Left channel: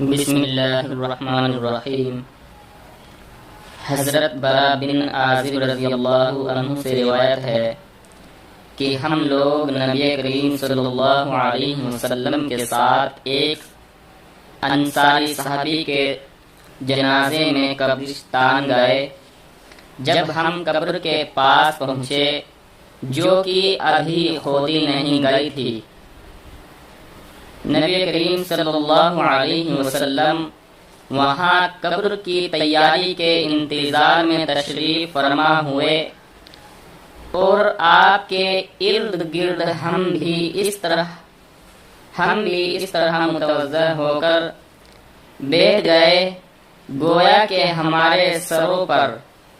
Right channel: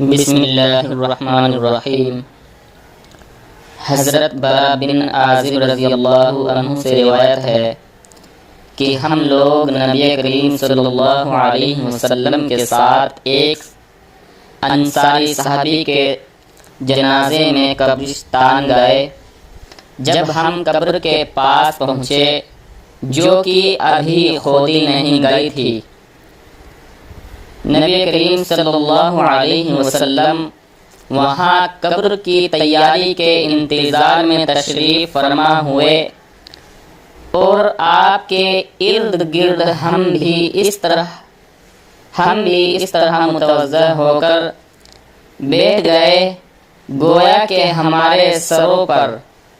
بسم اللہ الرحمن الرحیم۔ حضرت برا بن عازب رضی اللہ عنہ سے روایت ہے کہ ہم لوگ نبی کریم صلی اللہ علیہ وسلم کے ساتھ ایک انصاری صحابی کے جنازے میں قبرستان گئے۔ جب ہم قبر کے پاس پہنچے جو کہ ابھی کھودی نہیں گئی تھی، نبی کریم صلی اللہ علیہ وسلم وہاں قبر کی تیاری کے انتظار میں تشریف فرما ہوئے اور آپ کے ارد گرد ہم بھی اس طرح متوجہ ہو کر بیٹھ گئے گویا کہ ہمارے سروں پر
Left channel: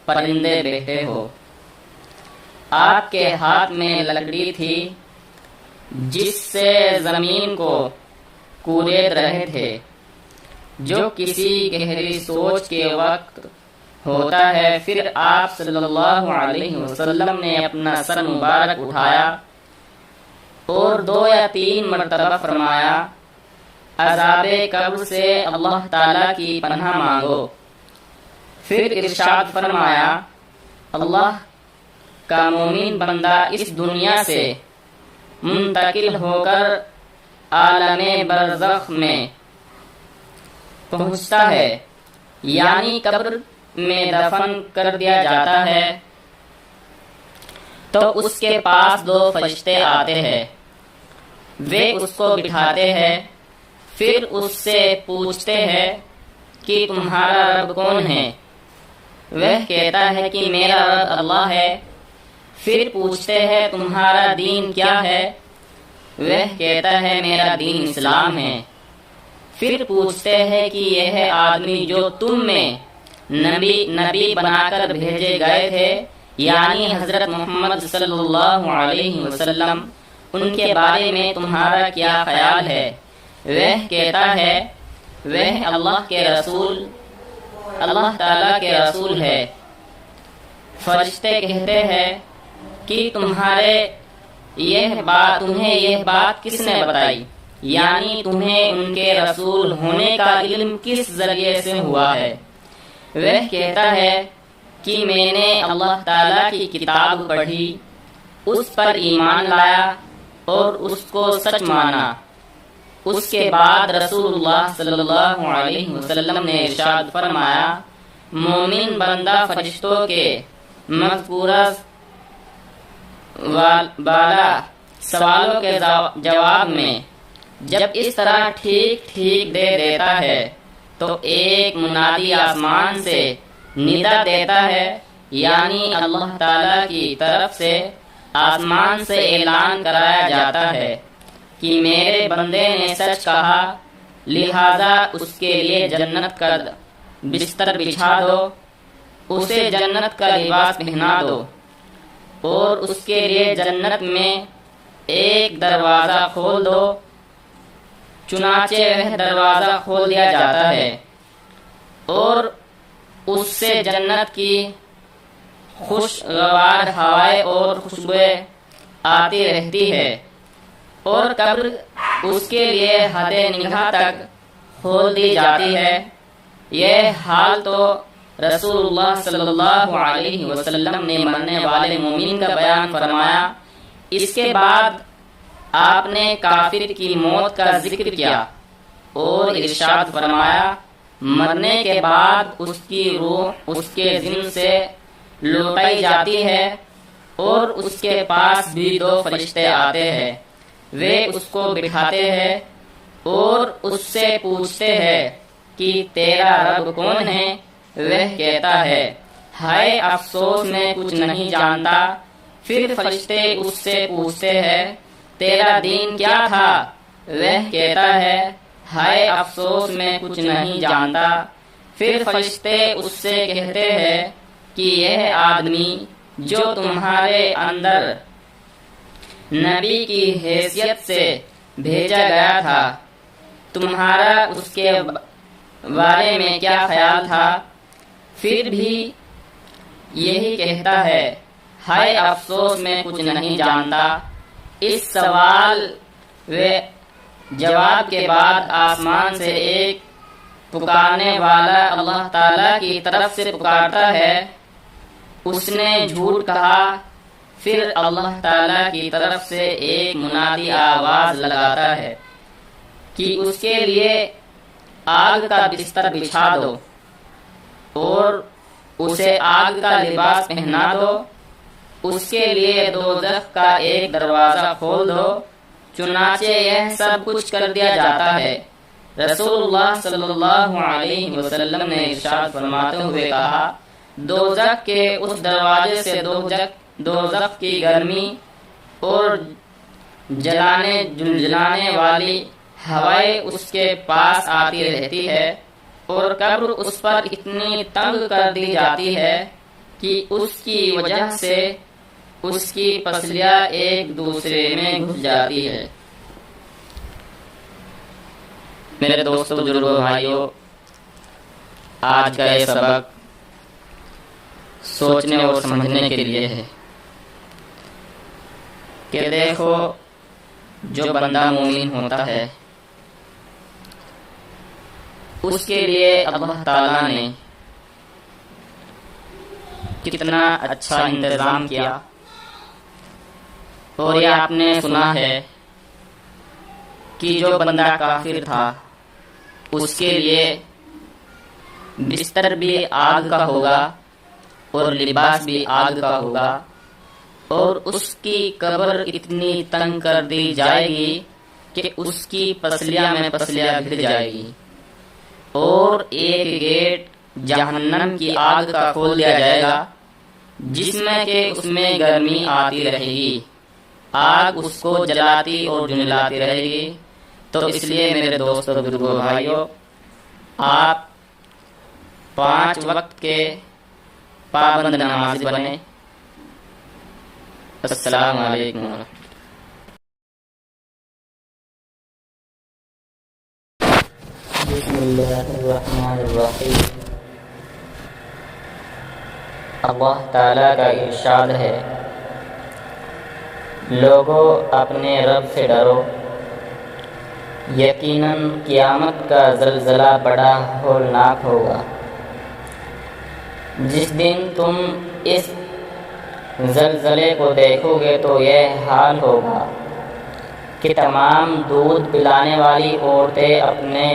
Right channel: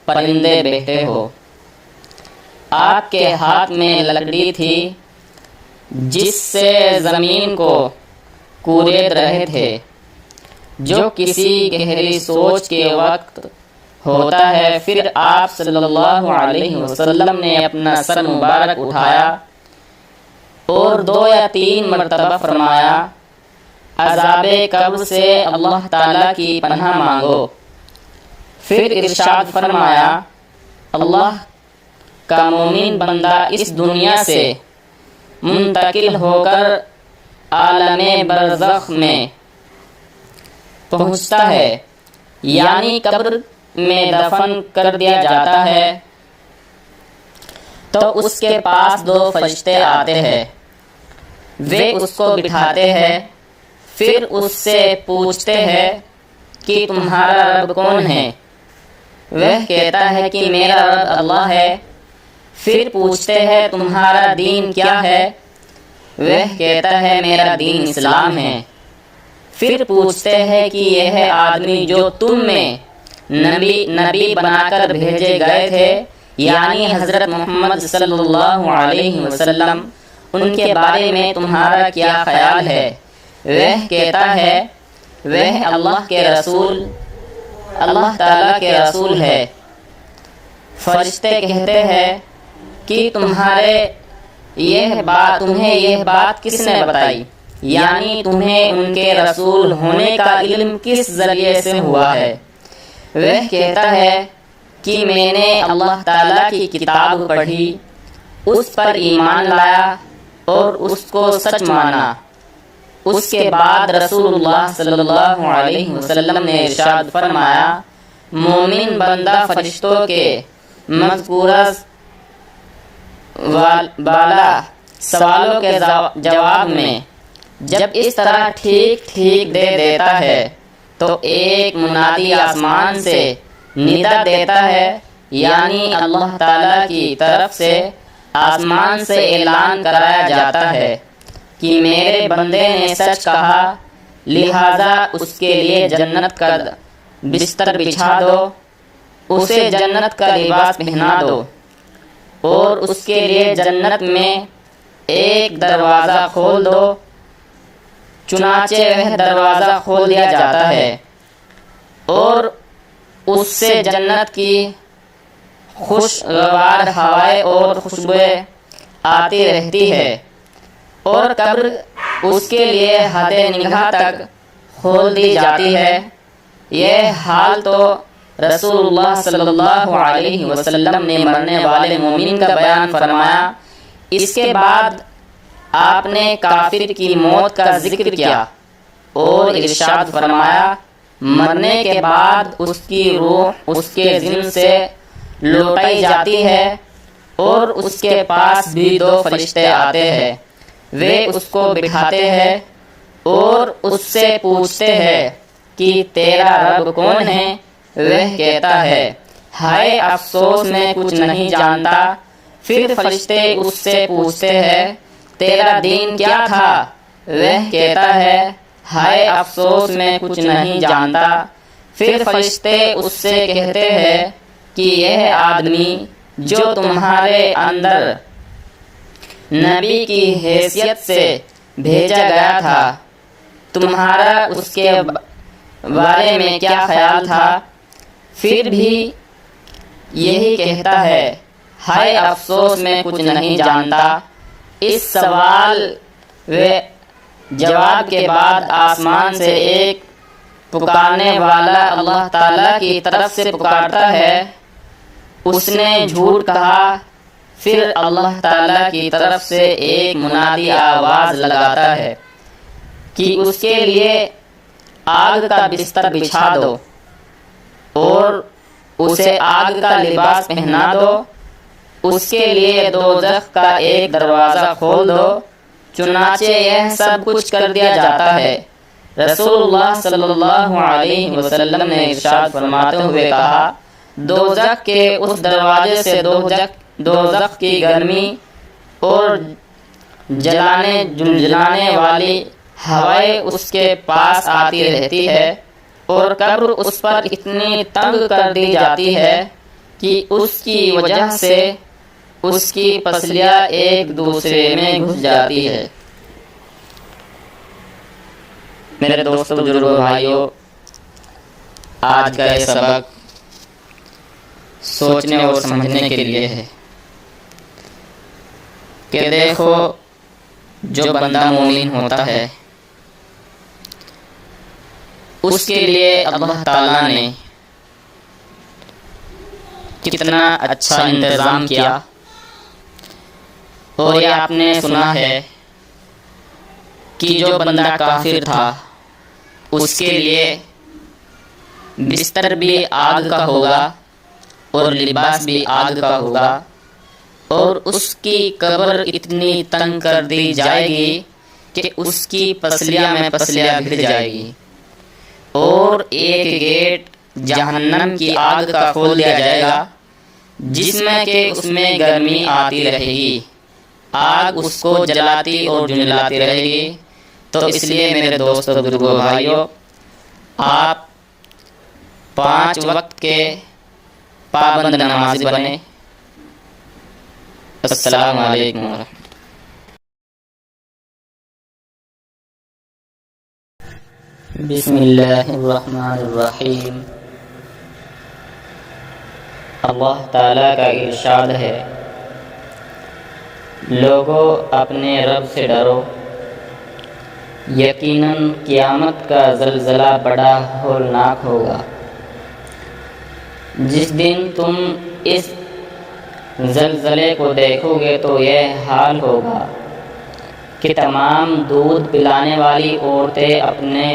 پرندے بیٹھے ہو۔ آپ کے ہاتھ میں لکڑی تھی جس سے زمین کو کورید رہے تھے، جو کسی گہری سوچ کے وقت ہوتا ہے۔ پھر آپ صلی اللہ علیہ وسلم نے اپنا سر مبارک اٹھایا اور 2 یا 3 مرتبہ فرمایا، عذاب قبر سے اللہ تعالیٰ کی پناہ مانگو۔ پھر ارشاد فرمایا، اللہ کا مومن بندہ اس دنیا سے منتقل ہو کر عالم برزخ میں پہنچتا ہے، یعنی قبر میں دفن کر دیا جاتا ہے، تو اس کے پاس 2 فرشتے آتے ہیں، وہ اس کو بٹھاتے ہیں، پھر اس سے پوچھتے ہیں کہ تمہارا رب کون ہے؟ وہ کہتا ہے کہ میرا رب اللہ ہے۔ پھر پوچھتے ہیں تمہارا دین کیا ہے؟ وہ کہتا ہے میرا دین اسلام ہے۔ پھر پوچھتے ہیں کہ یہ آدمی جو تم میں نبی بنا کر بھیجے گئے تھے، یعنی حضرت محمد صلی اللہ علیہ وسلم، ان کے بارے میں تمہارا کیا خیال ہے؟ وہ کہتا ہے وہ اللہ تعالیٰ کے رسول ہے۔ فرشتے کہتے ہیں کہ تمہیں یہ بات کس نے بتائی، یعنی تمہیں ان کے رسول ہونے کا علم کس ذریعے سے ہوا ہے؟ وہ کہتا ہے کہ میں نے اللہ تعالیٰ کی کتاب پڑھی، اس پر ایمان لایا اور اس کو سچ مانا۔ اس کے بعد رسول اللہ صلی اللہ علیہ وسلم نے ارشاد فرمایا، مومن بندہ فرشتوں کے مذکورہ بالا سوالوں کے جواب میں جب اس طرح ٹھیک دے دیتا ہے تو ایک منادی آسمان سے ندا دیتا ہے، یعنی اللہ تعالیٰ کی طرف سے آسمان سے اعلان کرایا جاتا ہے کہ میرے بندے نے سچ کہا، لہذا اس کے لیے جنت کا بستر بچھا دو، اسے جنت کا لباس پہنا دو اور اس کے لیے جنت میں ایک دروازہ کھول دو۔ چنانچہ وہ دروازہ کھول دیا جاتا ہے اور اس سے جنت کی خوشگوار ہوائیں اور خوشبوئیں آتی رہتی ہے، اور قبر اس کے لیے حد نگاہ تک کھول دی جاتی ہے۔ یہ حال تو رسول اللہ صلی اللہ علیہ وسلم نے مرنے والے مومن کا بیان فرمایا۔ اس کے بعد آپ نے کافر کی موت کا ذکر کیا اور ارشاد فرمایا، مرنے کے بعد اس کی روح اس کے جسم سے لوٹائی جاتی ہے اور اس کے پاس بھی 2 فرشتے آتے ہیں، وہ اس کو بٹھاتے ہیں اور اس سے پوچھتے ہیں کہ تیرا رب کون ہے؟ وہ کہتا ہے ہائے افسوس میں کچھ نہیں جانتا۔ پھر فرشتے اس سے پوچھتے ہیں تیرا دین کیا تھا؟ وہ کہتا ہے ہائے افسوس میں کچھ نہیں جانتا۔ پھر فرشتے اس سے کہتے ہیں کہ یہ آدمی جو تمہارے اندر نبی کی حیثیت سے بھیجا گیا تھا، تمہارا اس کے بارے میں کیا خیال تھا؟ پھر بھی یہی کہتا ہے ہائے افسوس میں کچھ نہیں جانتا۔ اس سوال و جواب کے بعد آسمان سے ایک پکارنے والا اللہ تعالیٰ کی طرف سے پکارتا ہے، اس نے جھوٹ کہا، پھر اللہ تعالیٰ کی طرف سے ایک منادی آواز لگاتا ہے کہ اس کے لیے آگ کا بستر بچھا دو اور اسے آگ کا لباس پہنا دو، اس کے لیے دوزخ کا ایک دروازہ کھول دو۔ چنانچہ یہ سب کچھ کر دیا جاتا ہے۔ رسول اللہ صلی اللہ علیہ وسلم نے ارشاد فرماتے ہوئے کہا، دوزخ کے اس دروازے سے دوزخ کی گرمی اور جلانے والی ہوائیں اس کے پاس آتی رہتی ہے، اور قبر اس پر اتنی تنگ کر دی جاتی ہے کہ اس کی وجہ سے اس کی پسلیاں ایک دوسرے میں گھس جاتی ہے۔ میرے دوستو، بزرگوں، بھائیوں، آج کا یہ سبق سوچنے اور سمجھنے کے لیے ہے کہ دیکھو، جو بندہ مومن ہوتا ہے اس کے لیے اللہ تعالیٰ نے کتنا اچھا انتظام کیا۔ اور یہ آپ نے سنا ہے کہ جو بندہ کافر تھا اس کے لیے بستر بھی آگ کا ہوگا اور لباس بھی آگ کا ہوگا، اور اس کی قبر اتنی تنگ کر دی جائے گی کہ اس کی پسلیاں میں پسلیاں گر جائے گی، اور ایک گیٹ جہنم کی آگ کا کھول دیا جائے گا جس میں کہ اس میں گرمی آتی رہے گی، آگ اس کو جلاتی اور جھنجلاتی رہے گی۔ تو اس لیے میرے دوستو، بزرگوں، بھائیوں، آپ 5 وقت کے پابند نمازی بنیں۔ السلام علیکم ورحمۃ اللہ۔ بسم اللہ الرحمن الرحیم۔ اللہ تعالیٰ کا ارشاد ہے، لوگوں اپنے رب سے ڈرو، یقیناً قیامت کا زلزلہ بڑا ہولناک ہوگا۔ جس دن تم اس زلزلے کو دیکھو گے تو یہ حال ہوگا کہ تمام دودھ پلانے والی عورتیں اپنے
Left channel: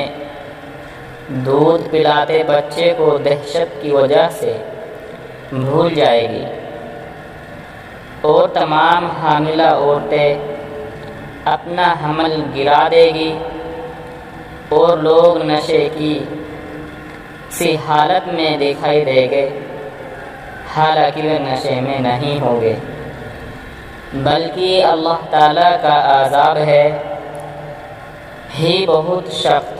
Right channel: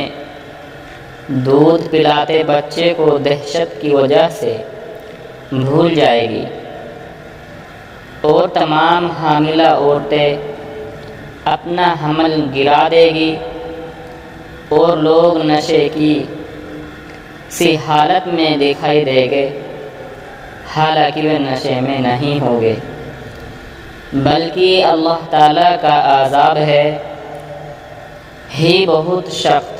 دودھ پلاتے بچے کو دہشت کی وجہ سے بھول جائے گی، اور تمام حاملہ عورتیں اپنا حمل گرا دے گی، اور لوگ نشے کی سی حالت میں دکھائی دے گے، حالانکہ وہ نشے میں نہیں ہوگے، بلکہ اللہ تعالیٰ کا عذاب ہے ہی بہت سخت۔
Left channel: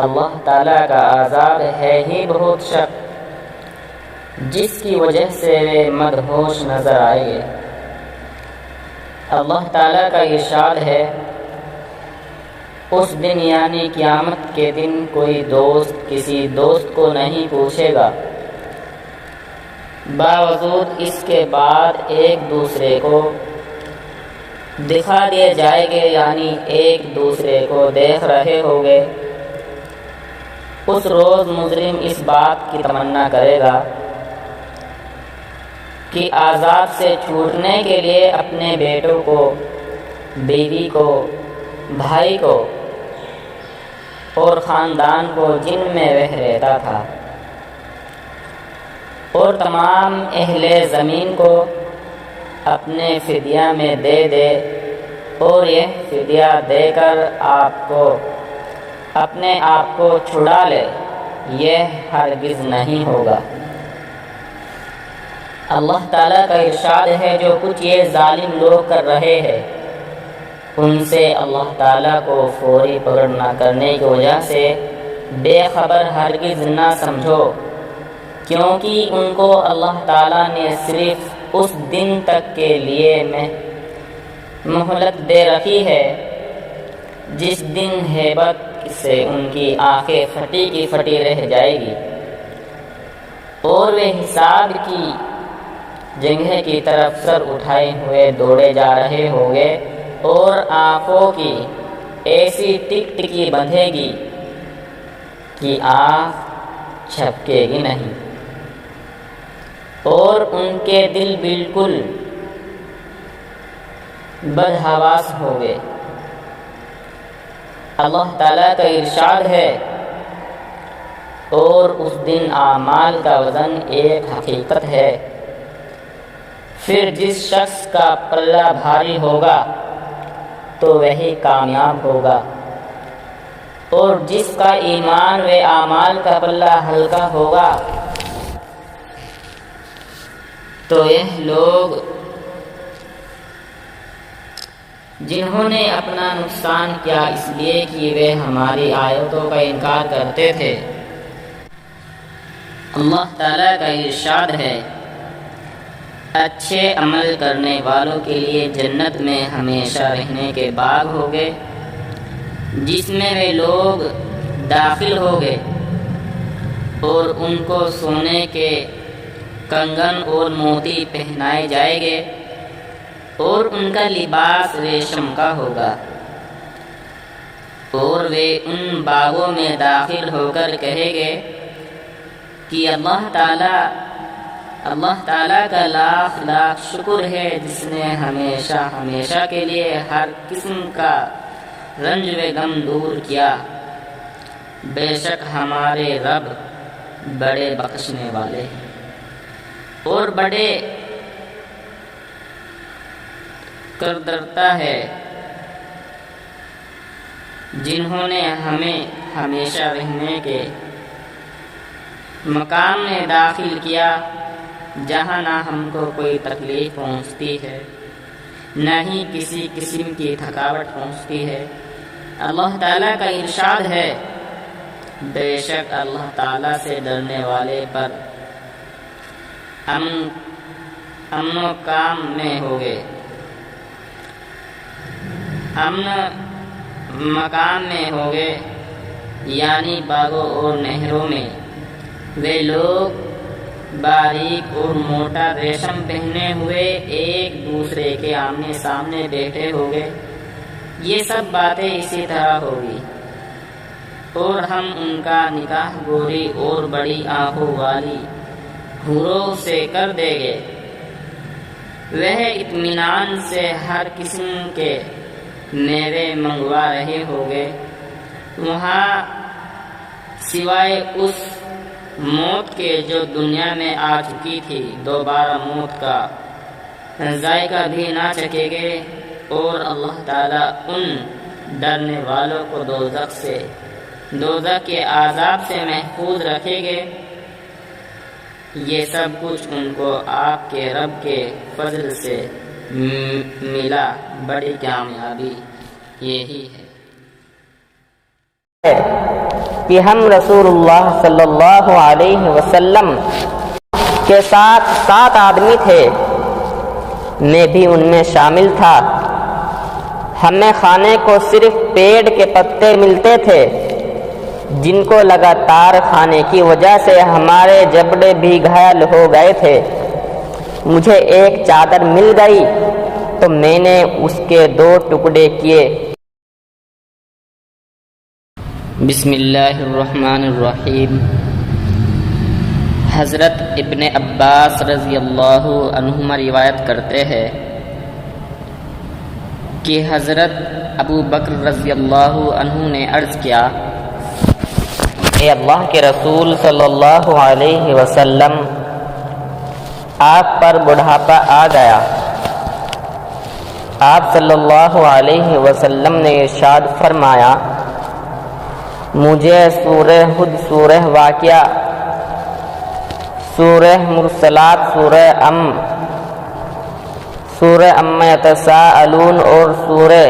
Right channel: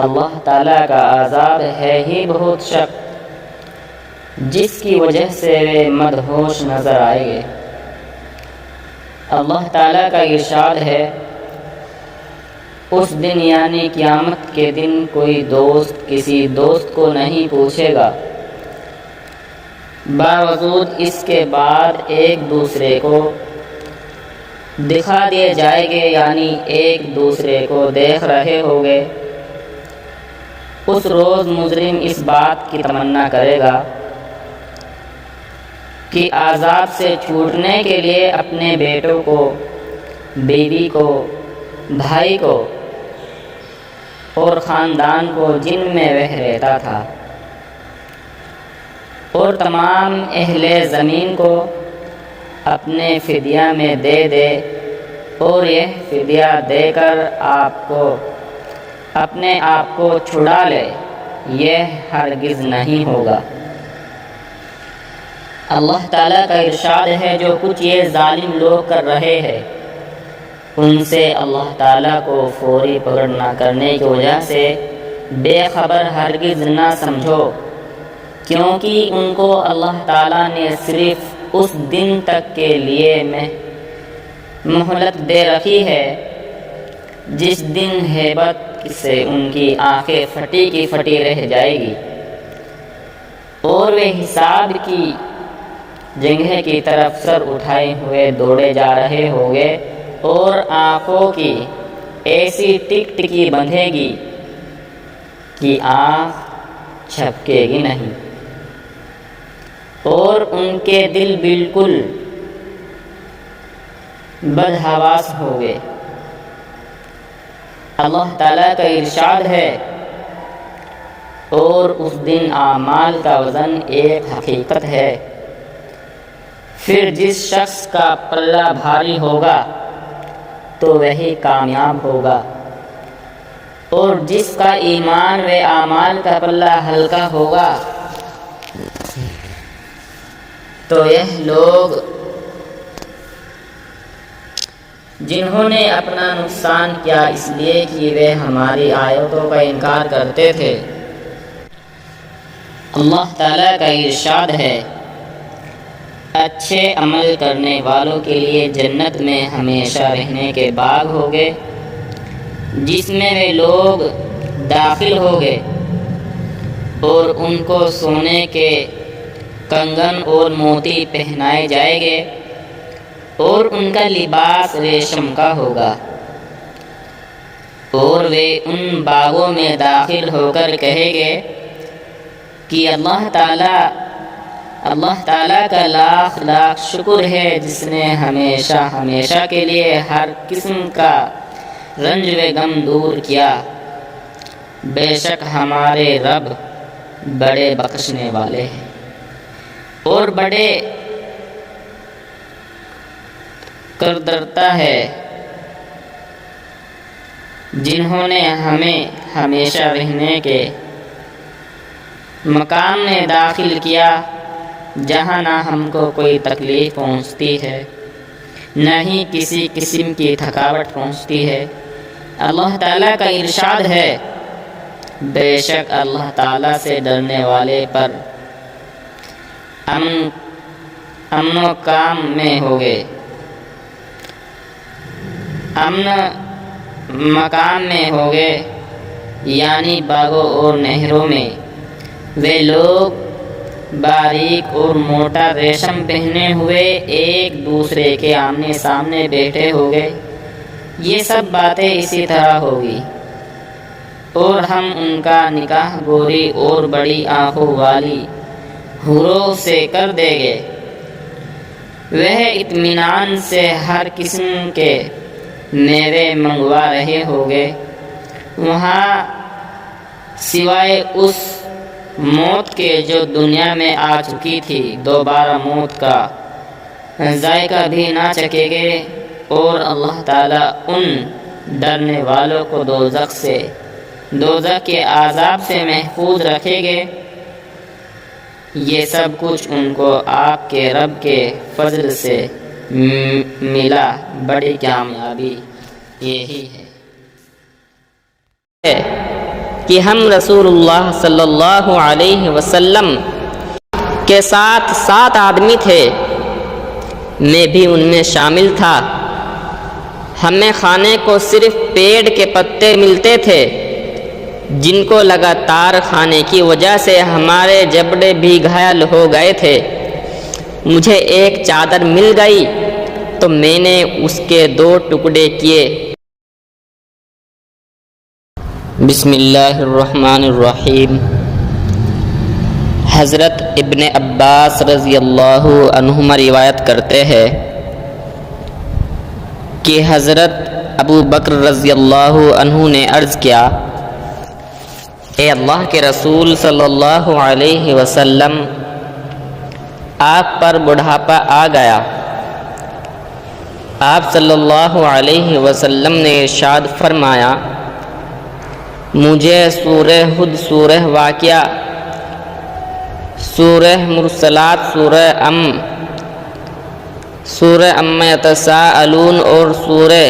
اللہ تعالیٰ کا عذاب ہے ہی بہت سخت، جس کی وجہ سے وہ مدہوش نظر آئیں گے۔ اللہ تعالیٰ کا ارشاد ہے، اس دن یعنی قیامت کے دن کوئی دوست کسی دوست کو نہیں پوچھے گا، باوجود اس کے بعد ایک دوسرے کو دکھا دیے جائیں گے، یعنی ایک دوسرے کو دیکھ رہے ہوں گے۔ اس روز مجرم اس بات کی تمنا کرے گا کہ عذاب سے چھوٹنے کے لیے اپنے بیٹوں کو، بیوی کو، بھائی کو اور خاندان کو جن میں وہ رہتا تھا اور تمام اہل زمین کو اپنے فدیہ میں دے دے، اور یہ فدیہ دے کر اپنے آپ کو چھڑا لے، یہ ہرگز نہیں ہوگا۔ اللہ تعالیٰ کا ارشاد ہے، جو کچھ یہ ظالم لوگ کر رہے ہیں ان سے اللہ تعالیٰ کو فوری پکڑ نہ کرنے کی وجہ سے بے خبر ہرگز نہ سمجھو، کیونکہ ان کو اللہ تعالیٰ نے صرف اس دن تک کے لیے مہلت دے رکھی ہے جس دن ہیبت سے ان کی آنکھیں پھٹی کی پھٹی رہ جائے گی، اور وہ حساب کی جگہ کی طرف سر اٹھائے ہوئے دوڑے جا رہے ہوں گے، اور آنکھوں کی ایسی ٹک ٹکی بندھے گی کی آنکھ جھپکے گی نہیں، اور ان کے دل بالکل بدحواس ہو گئے۔ اللہ تعالیٰ کا ارشاد ہے، اور اس دن اعمال کا وزن ایک حقیقت ہے، پھر جس شخص کا پلہ بھاری ہوگا تو وہی کامیاب ہوگا، اور جس کا ایمان و اعمال کا پلہ ہلکا ہوگا تو یہ لوگ جنہوں نے اپنا نقصان کیا اس لیے کہ وہ ہماری آیتوں کا انکار کرتے تھے۔ اللہ تعالیٰ کا ارشاد ہے، اچھے عمل کرنے والوں کے لیے جنت میں ہمیشہ رہنے کے باغ ہوگے، جس میں وہ لوگ داخل ہوگے، اور ان کو سونے کے کنگن اور موتی پہنائے جائیں گے، اور ان کا لباس ریشم کا ہوگا، اور وہ ان باغوں میں داخل ہو کر کہیں گے کہ اللہ تعالیٰ کا لاکھ لاکھ شکر ہے، جس نے ہمیشہ کے لیے ہر قسم کا رنج و غم دور کیا۔ بے شک ہمارے رب بڑے بخشنے والے ہیں اور بڑے قدرتا ہے، جنہوں نے ہمیں ہمیشہ رہنے کے مقام میں داخل کیا، جہاں نہ ہم کو کوئی تکلیف پہنچتی ہے، نہ ہی کسی قسم کی تھکاوٹ پہنچتی ہے۔ اللہ تعالیٰ کا ارشاد ہے، بے شک اللہ تعالیٰ سے ڈرنے والے پر امن و کام میں ہوگے، امن مقام میں ہوگے، یعنی باغوں اور نہروں میں وہ لوگ باریک اور موٹا ریشم پہنے ہوئے ایک دوسرے کے آمنے سامنے بیٹھے ہوگے۔ یہ سب باتیں اسی طرح ہوگی، اور ہم ان کا نکاح گوری اور بڑی آنکھوں والی حوروں سے کر دیں گے، وہ اطمینان سے ہر قسم کے میوے منگوا رہے ہوگے، وہاں سوائے اس موت کے جو دنیا میں آ چکی تھی، دوبارہ موت کا ذائقہ بھی نہ چکھیں گے، اور اللہ تعالیٰ ان ڈرنے والوں کو دوزخ کے عذاب سے محفوظ رکھیں گے۔ یہ سب کچھ ان کو آپ کے رب کے فضل سے ملا، بڑی کامیابی یہی ہے کہ ہم رسول اللہ صلی اللہ علیہ وسلم کے ساتھ 7 آدمی تھے، میں بھی ان میں شامل تھا۔ ہمیں کھانے کو صرف پیڑ کے پتے ملتے تھے، جن کو لگاتار کھانے کی وجہ سے ہمارے جبڑے بھی گھائل ہو گئے تھے۔ مجھے ایک چادر مل گئی تو میں نے اس کے 2 ٹکڑے کیے۔ بسم اللہ الرحمن الرحیم۔ حضرت ابن عباس رضی اللہ عنہما روایت کرتے ہیں کہ حضرت ابو بکر رضی اللہ عنہ نے عرض کیا، اے اللہ کے رسول صلی اللہ علیہ وسلم، آپ پر بڑھاپا آ گیا۔ آپ صلی اللہ علیہ وسلم نے ارشاد فرمایا، مجھے سورہ ہود، سورہ واقعہ، سورہ مرسلات، سورہ سورہ عما یتساءلون اور سورہ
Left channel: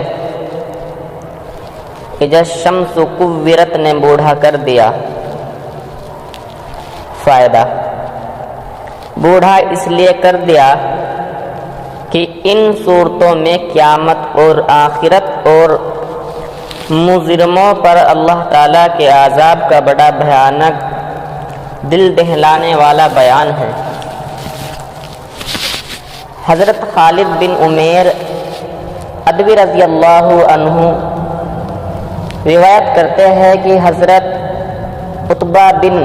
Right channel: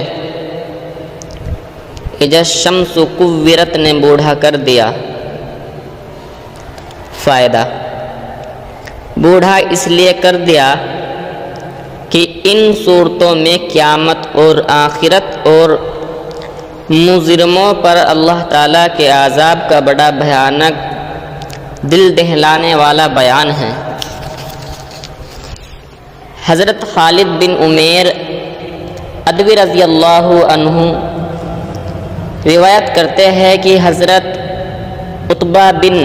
اذا الشمس کورت نے بوڑھا کر دیا۔ فائدہ: بوڑھا اس لیے کر دیا کہ ان صورتوں میں قیامت اور آخرت اور مجرموں پر اللہ تعالیٰ کے عذاب کا بڑا بھیانک دل دہلانے والا بیان ہے۔ حضرت خالد بن عمیر ادوی رضی اللہ عنہ روایت کرتے ہیں کہ حضرت عتبہ بن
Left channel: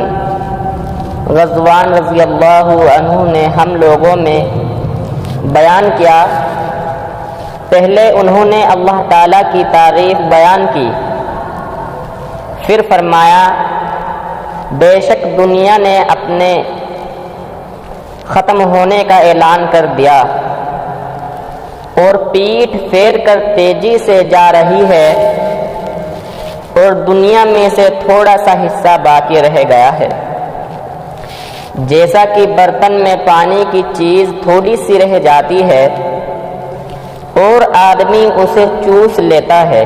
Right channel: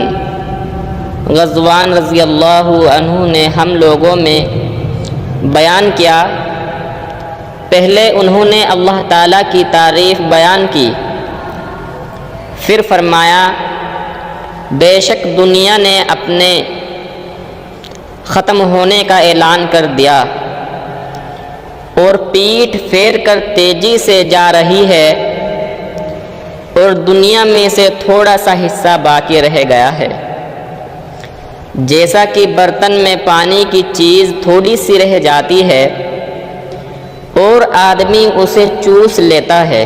غزوان رضی اللہ عنہ نے ہم لوگوں میں بیان کیا۔ پہلے انہوں نے اللہ تعالیٰ کی تعریف بیان کی، پھر فرمایا بے شک دنیا نے اپنے ختم ہونے کا اعلان کر دیا اور پیٹھ پھیر کر تیزی سے جا رہی ہے، اور دنیا میں سے تھوڑا سا حصہ باقی رہ گیا ہے، جیسا کہ برتن میں پانی کی چیز تھوڑی سی رہ جاتی ہے اور آدمی اسے چوس لیتا ہے۔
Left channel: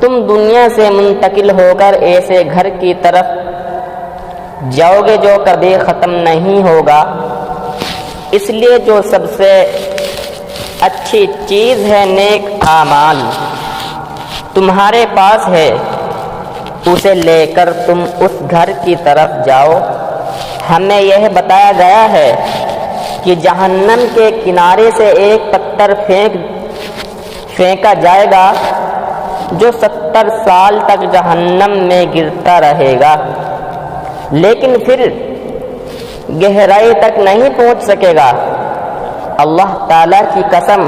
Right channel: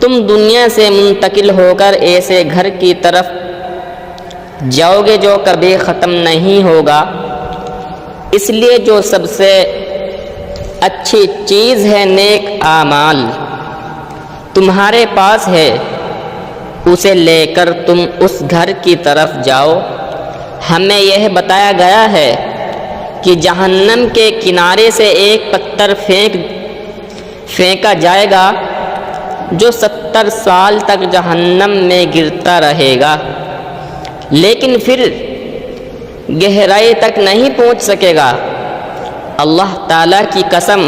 تم دنیا سے منتقل ہو کر ایسے گھر کی طرف جاؤ گے جو کبھی ختم نہیں ہوگا، اس لیے جو سب سے اچھی چیز ہے نیک اعمال تمہارے پاس ہے، اسے لے کر تم اس گھر کی طرف جاؤ۔ ہمیں یہ بتایا گیا ہے کہ جہنم کے کنارے سے ایک پتھر پھینکا جائے گا جو 70 سال تک جہنم میں گرتا رہے گا، لیکن پھر گہرائی تک نہیں پہنچ سکے گا۔ اللہ تعالیٰ کی قسم،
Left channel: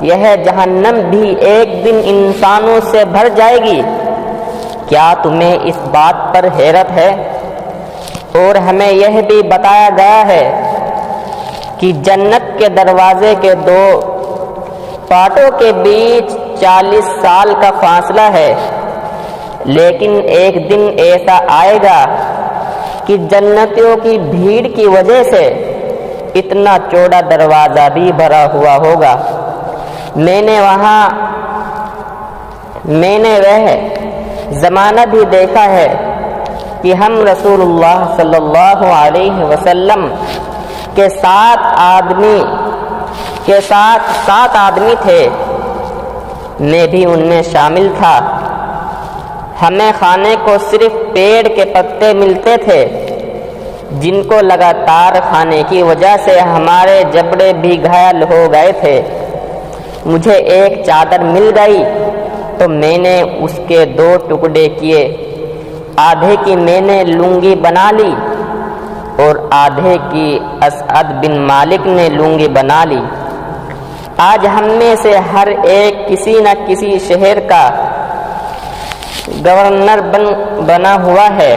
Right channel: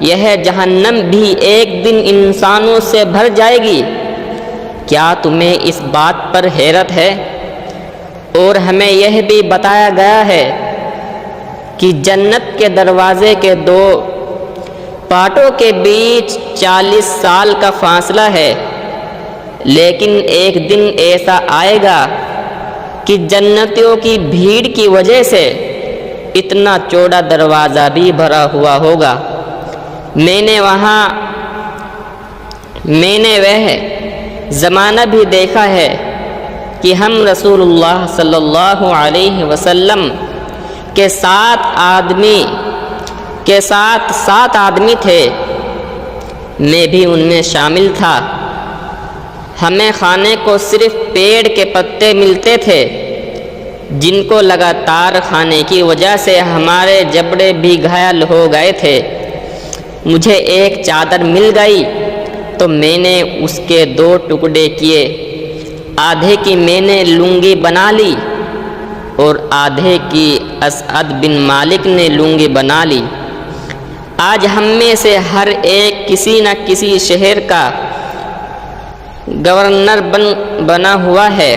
یہ جہنم بھی ایک دن انسانوں سے بھر جائے گی۔ کیا تمہیں اس بات پر حیرت ہے؟ اور ہمیں یہ بھی بتایا گیا ہے کہ جنت کے دروازے کے 2 پارٹوں کے بیچ 40 سال کا فاصلہ ہے، لیکن ایک دن ایسا آئے گا کہ جنتیوں کی بھیڑ کی وجہ سے اتنا چوڑا دروازہ بھی بھرا ہوا ہوگا۔ میں نے وہ زمانہ بھی دیکھا ہے کہ ہم رسول اللہ صلی اللہ علیہ وسلم کے ساتھ 7 آدمی تھے، میں بھی ان میں شامل تھا۔ ہمیں کھانے کو صرف پیڑ کے پتے ملتے تھے، جن کو لگاتار کھانے کی وجہ سے ہمارے جبڑے بھی گھائل ہو گئے تھے۔ مجھے ایک چادر مل گئی تو میں نے اس کے 2 ٹکڑے کیے، آدھے کی میں نے لنگی بنا لی اور آدھے کی اسعد بن مالک نے لنگی بنا لی۔ آج ہم میں سے ہر ایک کسی نہ کسی شہر کا گورنر بنا ہوا ہے۔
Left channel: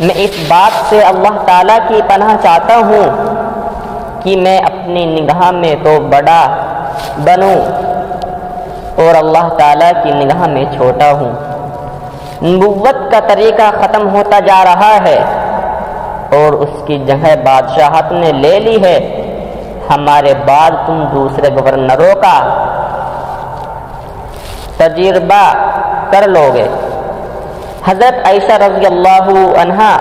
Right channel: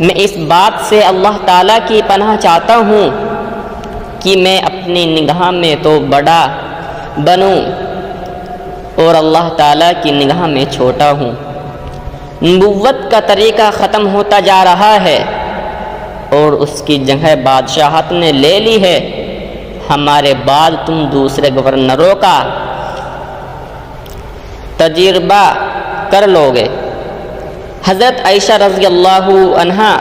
میں اس بات سے اللہ تعالیٰ کی پناہ چاہتا ہوں کہ میں اپنی نگاہ میں تو بڑا بنوں اور اللہ تعالیٰ کی نگاہ میں چھوٹا ہوں۔ نبوت کا طریقہ ختم ہوتا جا رہا ہے اور اس کی جگہ بادشاہت نے لے لی ہے۔ ہمارے بعد تم دوسرے گورنروں کا تجربہ کر لو گے۔ حضرت عائشہ رضی اللہ عنہا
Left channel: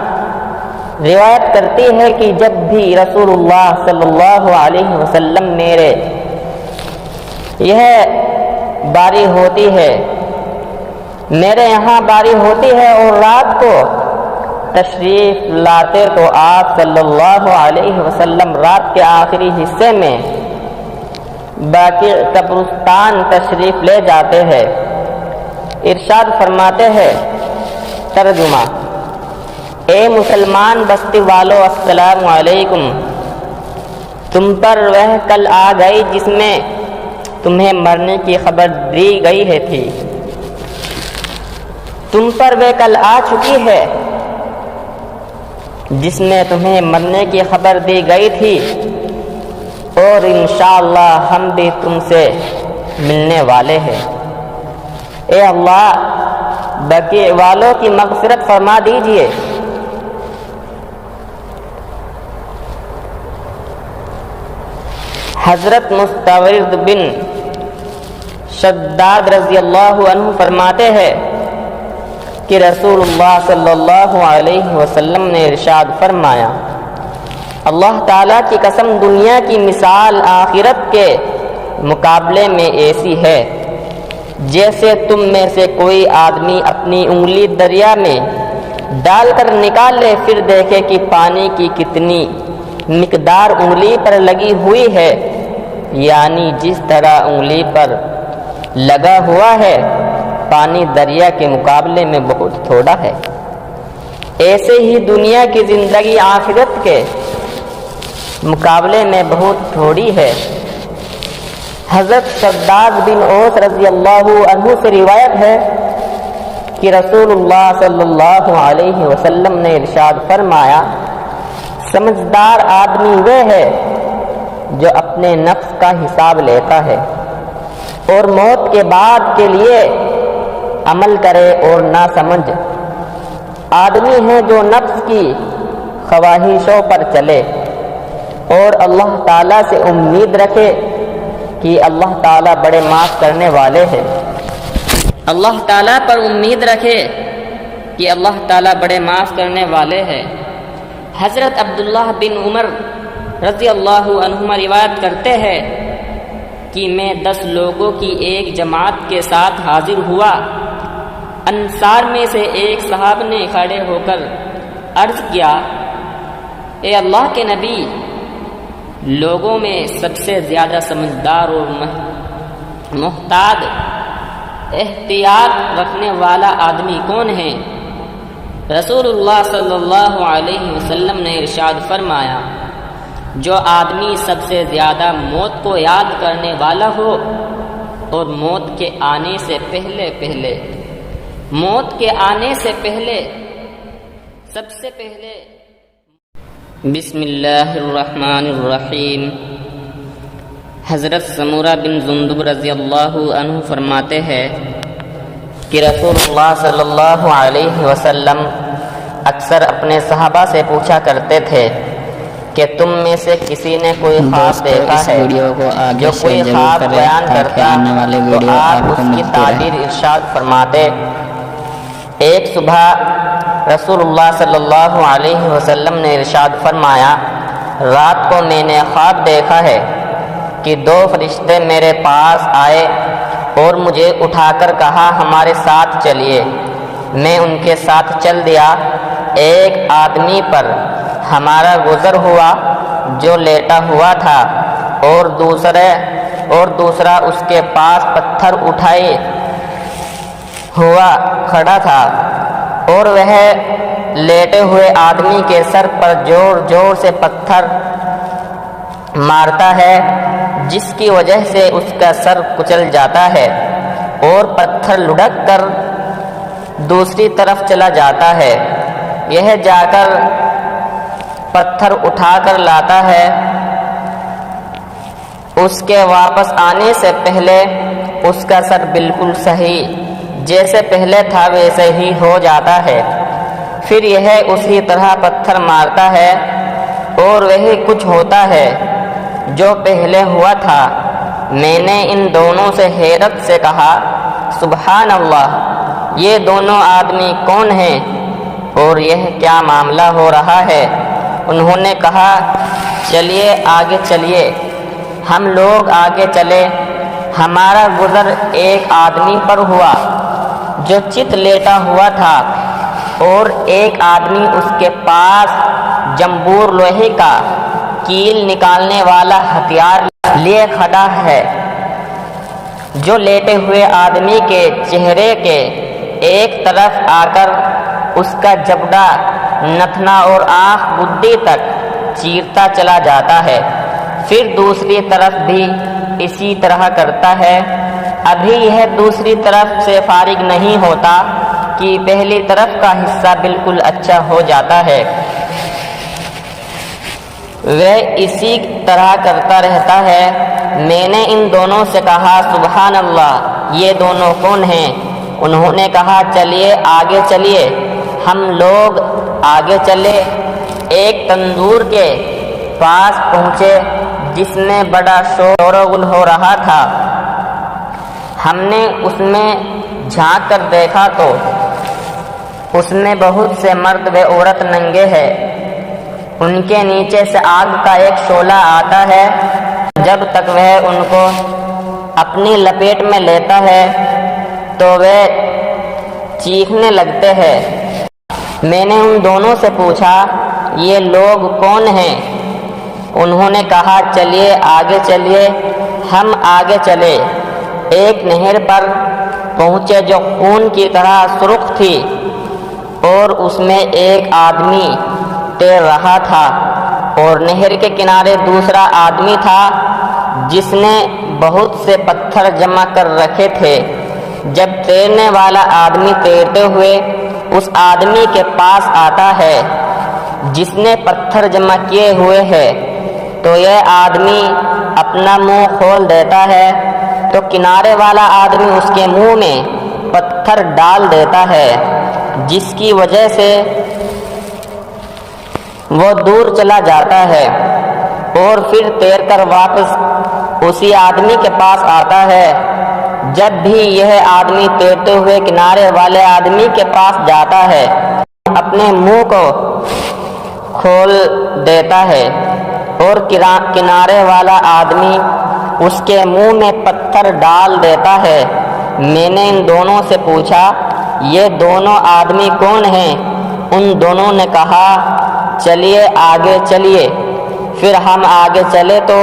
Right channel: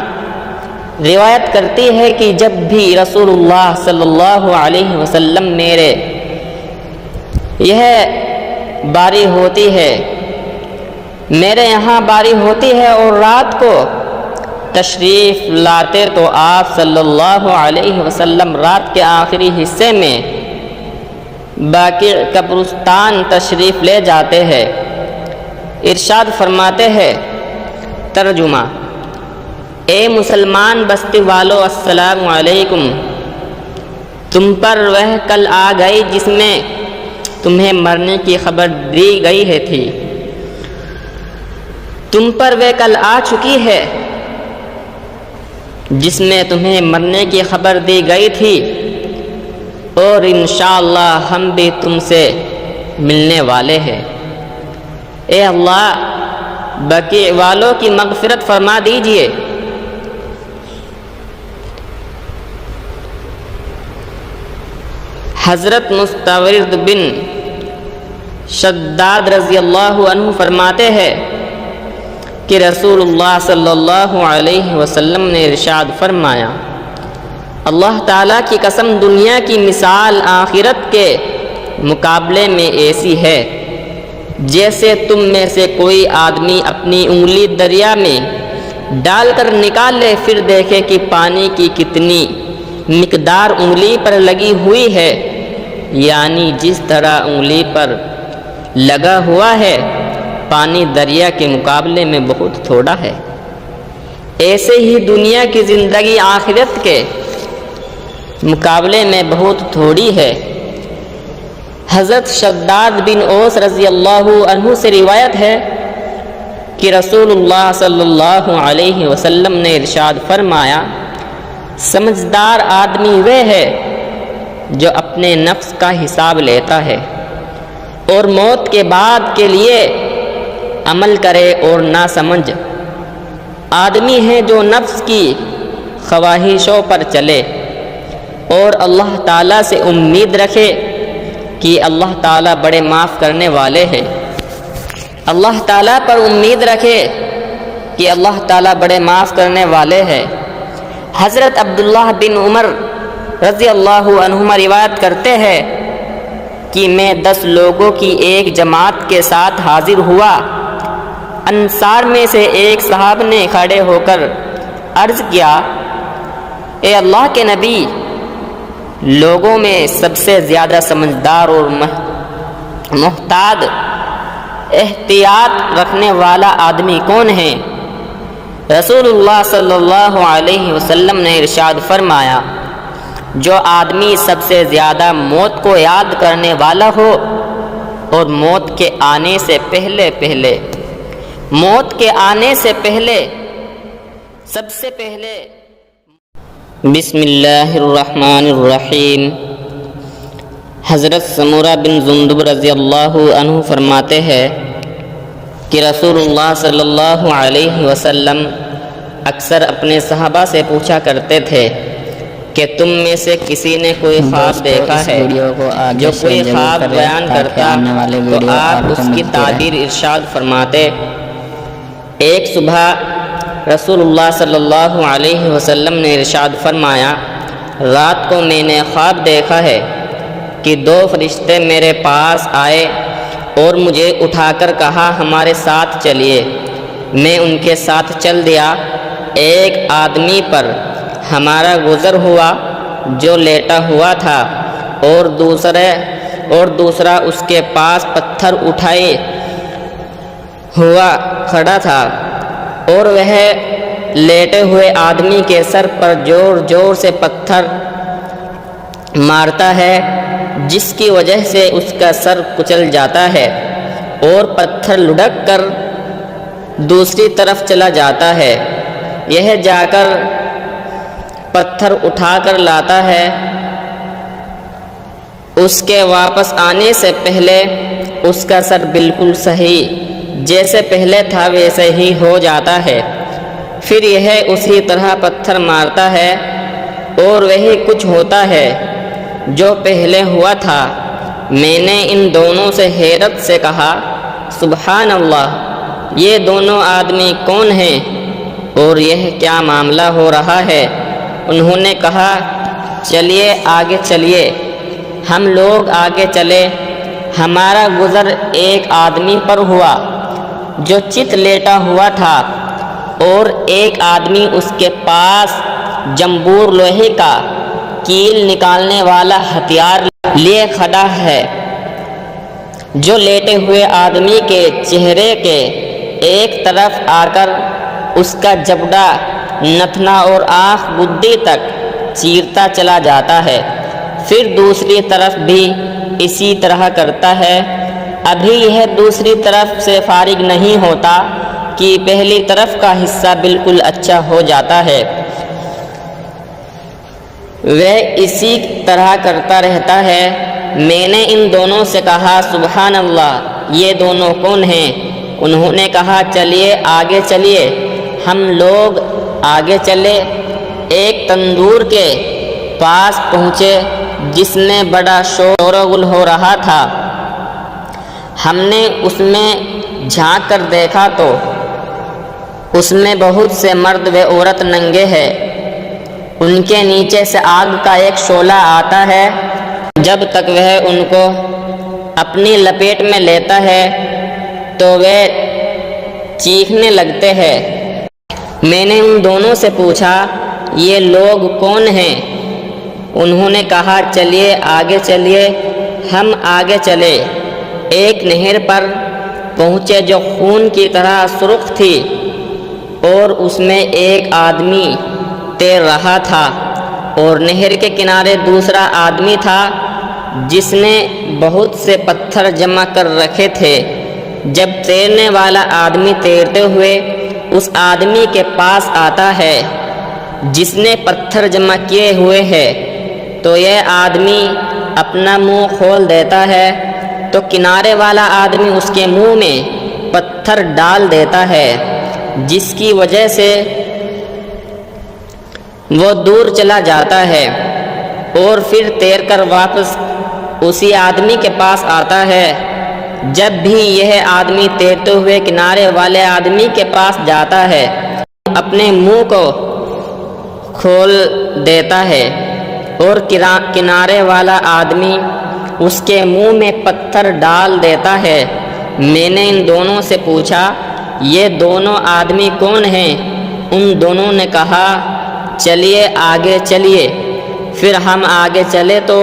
روایت کرتی ہے کہ جب بھی رسول اللہ صلی اللہ علیہ وسلم میرے میرے یہاں باری ہوتی ہے اور رات کو تشریف لاتے تو آپ صلی اللہ علیہ وسلم رات کے آخری حصے میں باقی قبرستان تشریف لے جاتے ہیں۔ ارشاد فرماتے ہیں، ترجمہ: اے مسلمان بستی والو، السلام علیکم۔ تم پر وہ کل آ گئی جس میں تمہیں مرنے کی خبر دی گئی تھی۔ تم پر وہ کل آ چکی ہے جس میں تمہیں مرنے کی خبر دی گئی تھی، اور انشاءاللہ ہم بھی تم سے ملنے والے ہیں۔ اے اللہ، بقیع والوں کی مغفرت فرما دیجئے۔ حضرت مستورد بن شداد رضی اللہ عنہ فرماتے ہیں کہ رسول اللہ صلی اللہ علیہ وسلم نے ارشاد فرمایا، اللہ تعالیٰ کی قسم، دنیا کی مثال آخرت کے مقابلے میں ایسی ہے جیسے تم میں سے کوئی آدمی اپنی انگلی دریا میں ڈال کر نکال لے، پھر دیکھے کہ پانی کی کتنی مقدار انگلی پر لگی ہوئی ہے، یعنی جس طرح انگلی پر لگا ہوا ہے پانی دریا کے مقابلے میں بہت تھوڑا ہے، ایسے ہی دنیا کی زندگی آخرت کے مقابلے میں بہت تھوڑی ہے۔ حضرت شداد بن اوس رضی اللہ عنہ سے روایت ہے کہ رسول اللہ صلی اللہ علیہ وسلم نے ارشاد فرمایا، سمجھدار آدمی وہ ہے جو اپنے نفس کا حساب لیتا ہے اور موت کے بعد کے لیے عمل کرے، اور ناسمجھ آدمی ہے جو نفس کی خواہشوں پر چلے اور اللہ تعالیٰ سے امید رکھے کہ اللہ تعالیٰ بڑے معاف کرنے والے ہیں۔ اللہ تعالیٰ پر امید رکھے کہ اللہ تعالیٰ بڑے معاف کرنے والے ہیں۔ حضرت عبداللہ بن عمر رضی اللہ عنہما روایت کرتے ہیں کہ میں 10 لوگوں کی ایک جماعت کے ساتھ حاضر ہوا۔ انصار میں سے ایک صاحب نے کھڑے ہو کر عرض کیا، اے اللہ کے نبی، لوگوں میں سب سے زیادہ سمجھدار اور محتاط احتیاط رکھنے والا آدمی کون ہے؟ رسول اللہ صلی اللہ علیہ وسلم نے ارشاد فرمایا، جو آدمی سب سے زیادہ موت کو یاد کرنے والا ہو اور موت کے آنے سے پہلے سب سے پہلے بسم اللہ الرحمن الرحیم۔ حضرت سمورہ بن جندب رضی اللہ عنہ فرماتے ہیں کہ رسول اللہ صلی اللہ علیہ وسلم اکثر اپنے صحابہ سے پوچھا کرتے تھے کہ تم میں سے کسی نے کوئی خواب دیکھا ہے؟ جو کوئی خواب بیان کرتا تو آپ اس کی تعبیر ارشاد فرماتے۔ ایک صبح رسول اللہ صلی اللہ علیہ وسلم نے ارشاد فرمایا، رات کو میں نے خواب دیکھا ہے کہ 2 فرشتے میرے پاس آئے اور مجھے اٹھا کر کہا، ہمارے ساتھ چلیے۔ میں ان کے ساتھ چل دیا۔ ایک آدمی پر ہمارا گزر ہوا جو لیٹا ہوا تھا، اور دوسرا اس کے پاس پتھر اٹھائے ہوا کھڑا تھا، اور وہ لیٹے ہوئے آدمی کے سر پر زور سے پتھر مارتا ہے، جس کی وجہ سے اس کا سر کچل جاتا ہے اور پتھر لڑک کر دوسری طرف چلا جاتا ہے۔ یہ جا کر پتھر اٹھا کر لاتا ہے، اس کے واپس آنے سے پہلے اس کا سر بالکل صحیح جیسے پہلے تھا ویسے ہی ہو جاتا ہے۔ پھر یہ اسی طرح پتھر مارتا ہے اور وہی کچھ ہوتا ہے جو پہلے ہوا تھا۔ میں نے ان دونوں سے حیرت سے کہا، سبحان اللہ، یہ دونوں آدمی کون ہیں اور یہ کیا معاملہ ہو رہا ہے؟ انہوں نے کہا، چلیے آگے چلیے۔ ہم لوگ آگے چلے۔ ہمارا گزر ایک آدمی پر ہوا جو چت لیٹا ہوا تھا، اور ایک آدمی اس کے پاس جمبور لوہے کا کیل نکالنے والا ہتھیار لیے کھڑا ہے۔ جو لیٹے ہوئے آدمی کے چہرے کے ایک طرف آ کر اس کا جبڑا، نتنا اور آنکھ گدی تک چیرتا چلا جاتا ہے، پھر دوسری طرف بھی اسی طرح کرتا ہے۔ ابھی یہ دوسری طرف سے فارغ نہیں ہوتا کہ پہلی طرف کا حصہ بالکل اچھا ہو جاتا ہے۔ وہ اسی طرح کرتا رہتا ہے۔ میں نے ان دونوں سے کہا، سبحان اللہ، یہ دونوں کون ہیں؟ انہوں نے کہا، چلیے آگے چلیے۔ ہم لوگ آگے چلے، ایک تندور کے پاس پہنچے جس میں بڑا شور و غل ہو رہا تھا۔ ہم نے اس میں جھانک کر دیکھا تو اس میں بہت سے مرد و عورت ننگے ہیں۔ ان کے نیچے سے آگ کا ایک شعلہ آتا ہے۔ جب تک وہ ان کو اپنی لپیٹ میں لیتا ہے تو وہ چیخنے لگتے ہیں۔ میں نے ان دونوں سے پوچھا، یہ لوگ کون ہیں؟ انہوں نے کہا، چلیے آگے چلیے۔ ہم آگے چلے۔ ایک نہر پر پہنچے جو خون کی طرح سرخ تھی، اور اس میں ایک آدمی تیر رہا تھا، اور نہر کے کنارے دوسرا آدمی تھا جس نے بہت سے پتھر جمع کر رکھے تھے۔ جب تیرنے والا آدمی تیرتے ہوئے اس آدمی کے پاس آتا ہے جس نے پتھر جمع کیے ہوئے ہیں، تو یہ آدمی اپنا منہ کھول دیتا ہے، تو کنارے والا آدمی اس کے منہ میں پتھر ڈال دیتا ہے، جس کی وجہ سے وہ دور چلا جاتا ہے، اور پھر تیر کر واپس اسی آدمی کے پاس آتا ہے۔ جب بھی یہ آدمی تیرتے ہوئے کنارے والے آدمی کے پاس جاتا ہے، اپنے منہ کو کھول دیتا ہے، اور کنارے والا آدمی اس کے منہ میں پتھر ڈال دیتا ہے۔ میں نے ان دونوں سے پوچھا، یہ دونوں آدمی کون ہیں؟ ان دونوں نے کہا، چلیے آگے چلیے۔ پھر ہم آگے چلے تو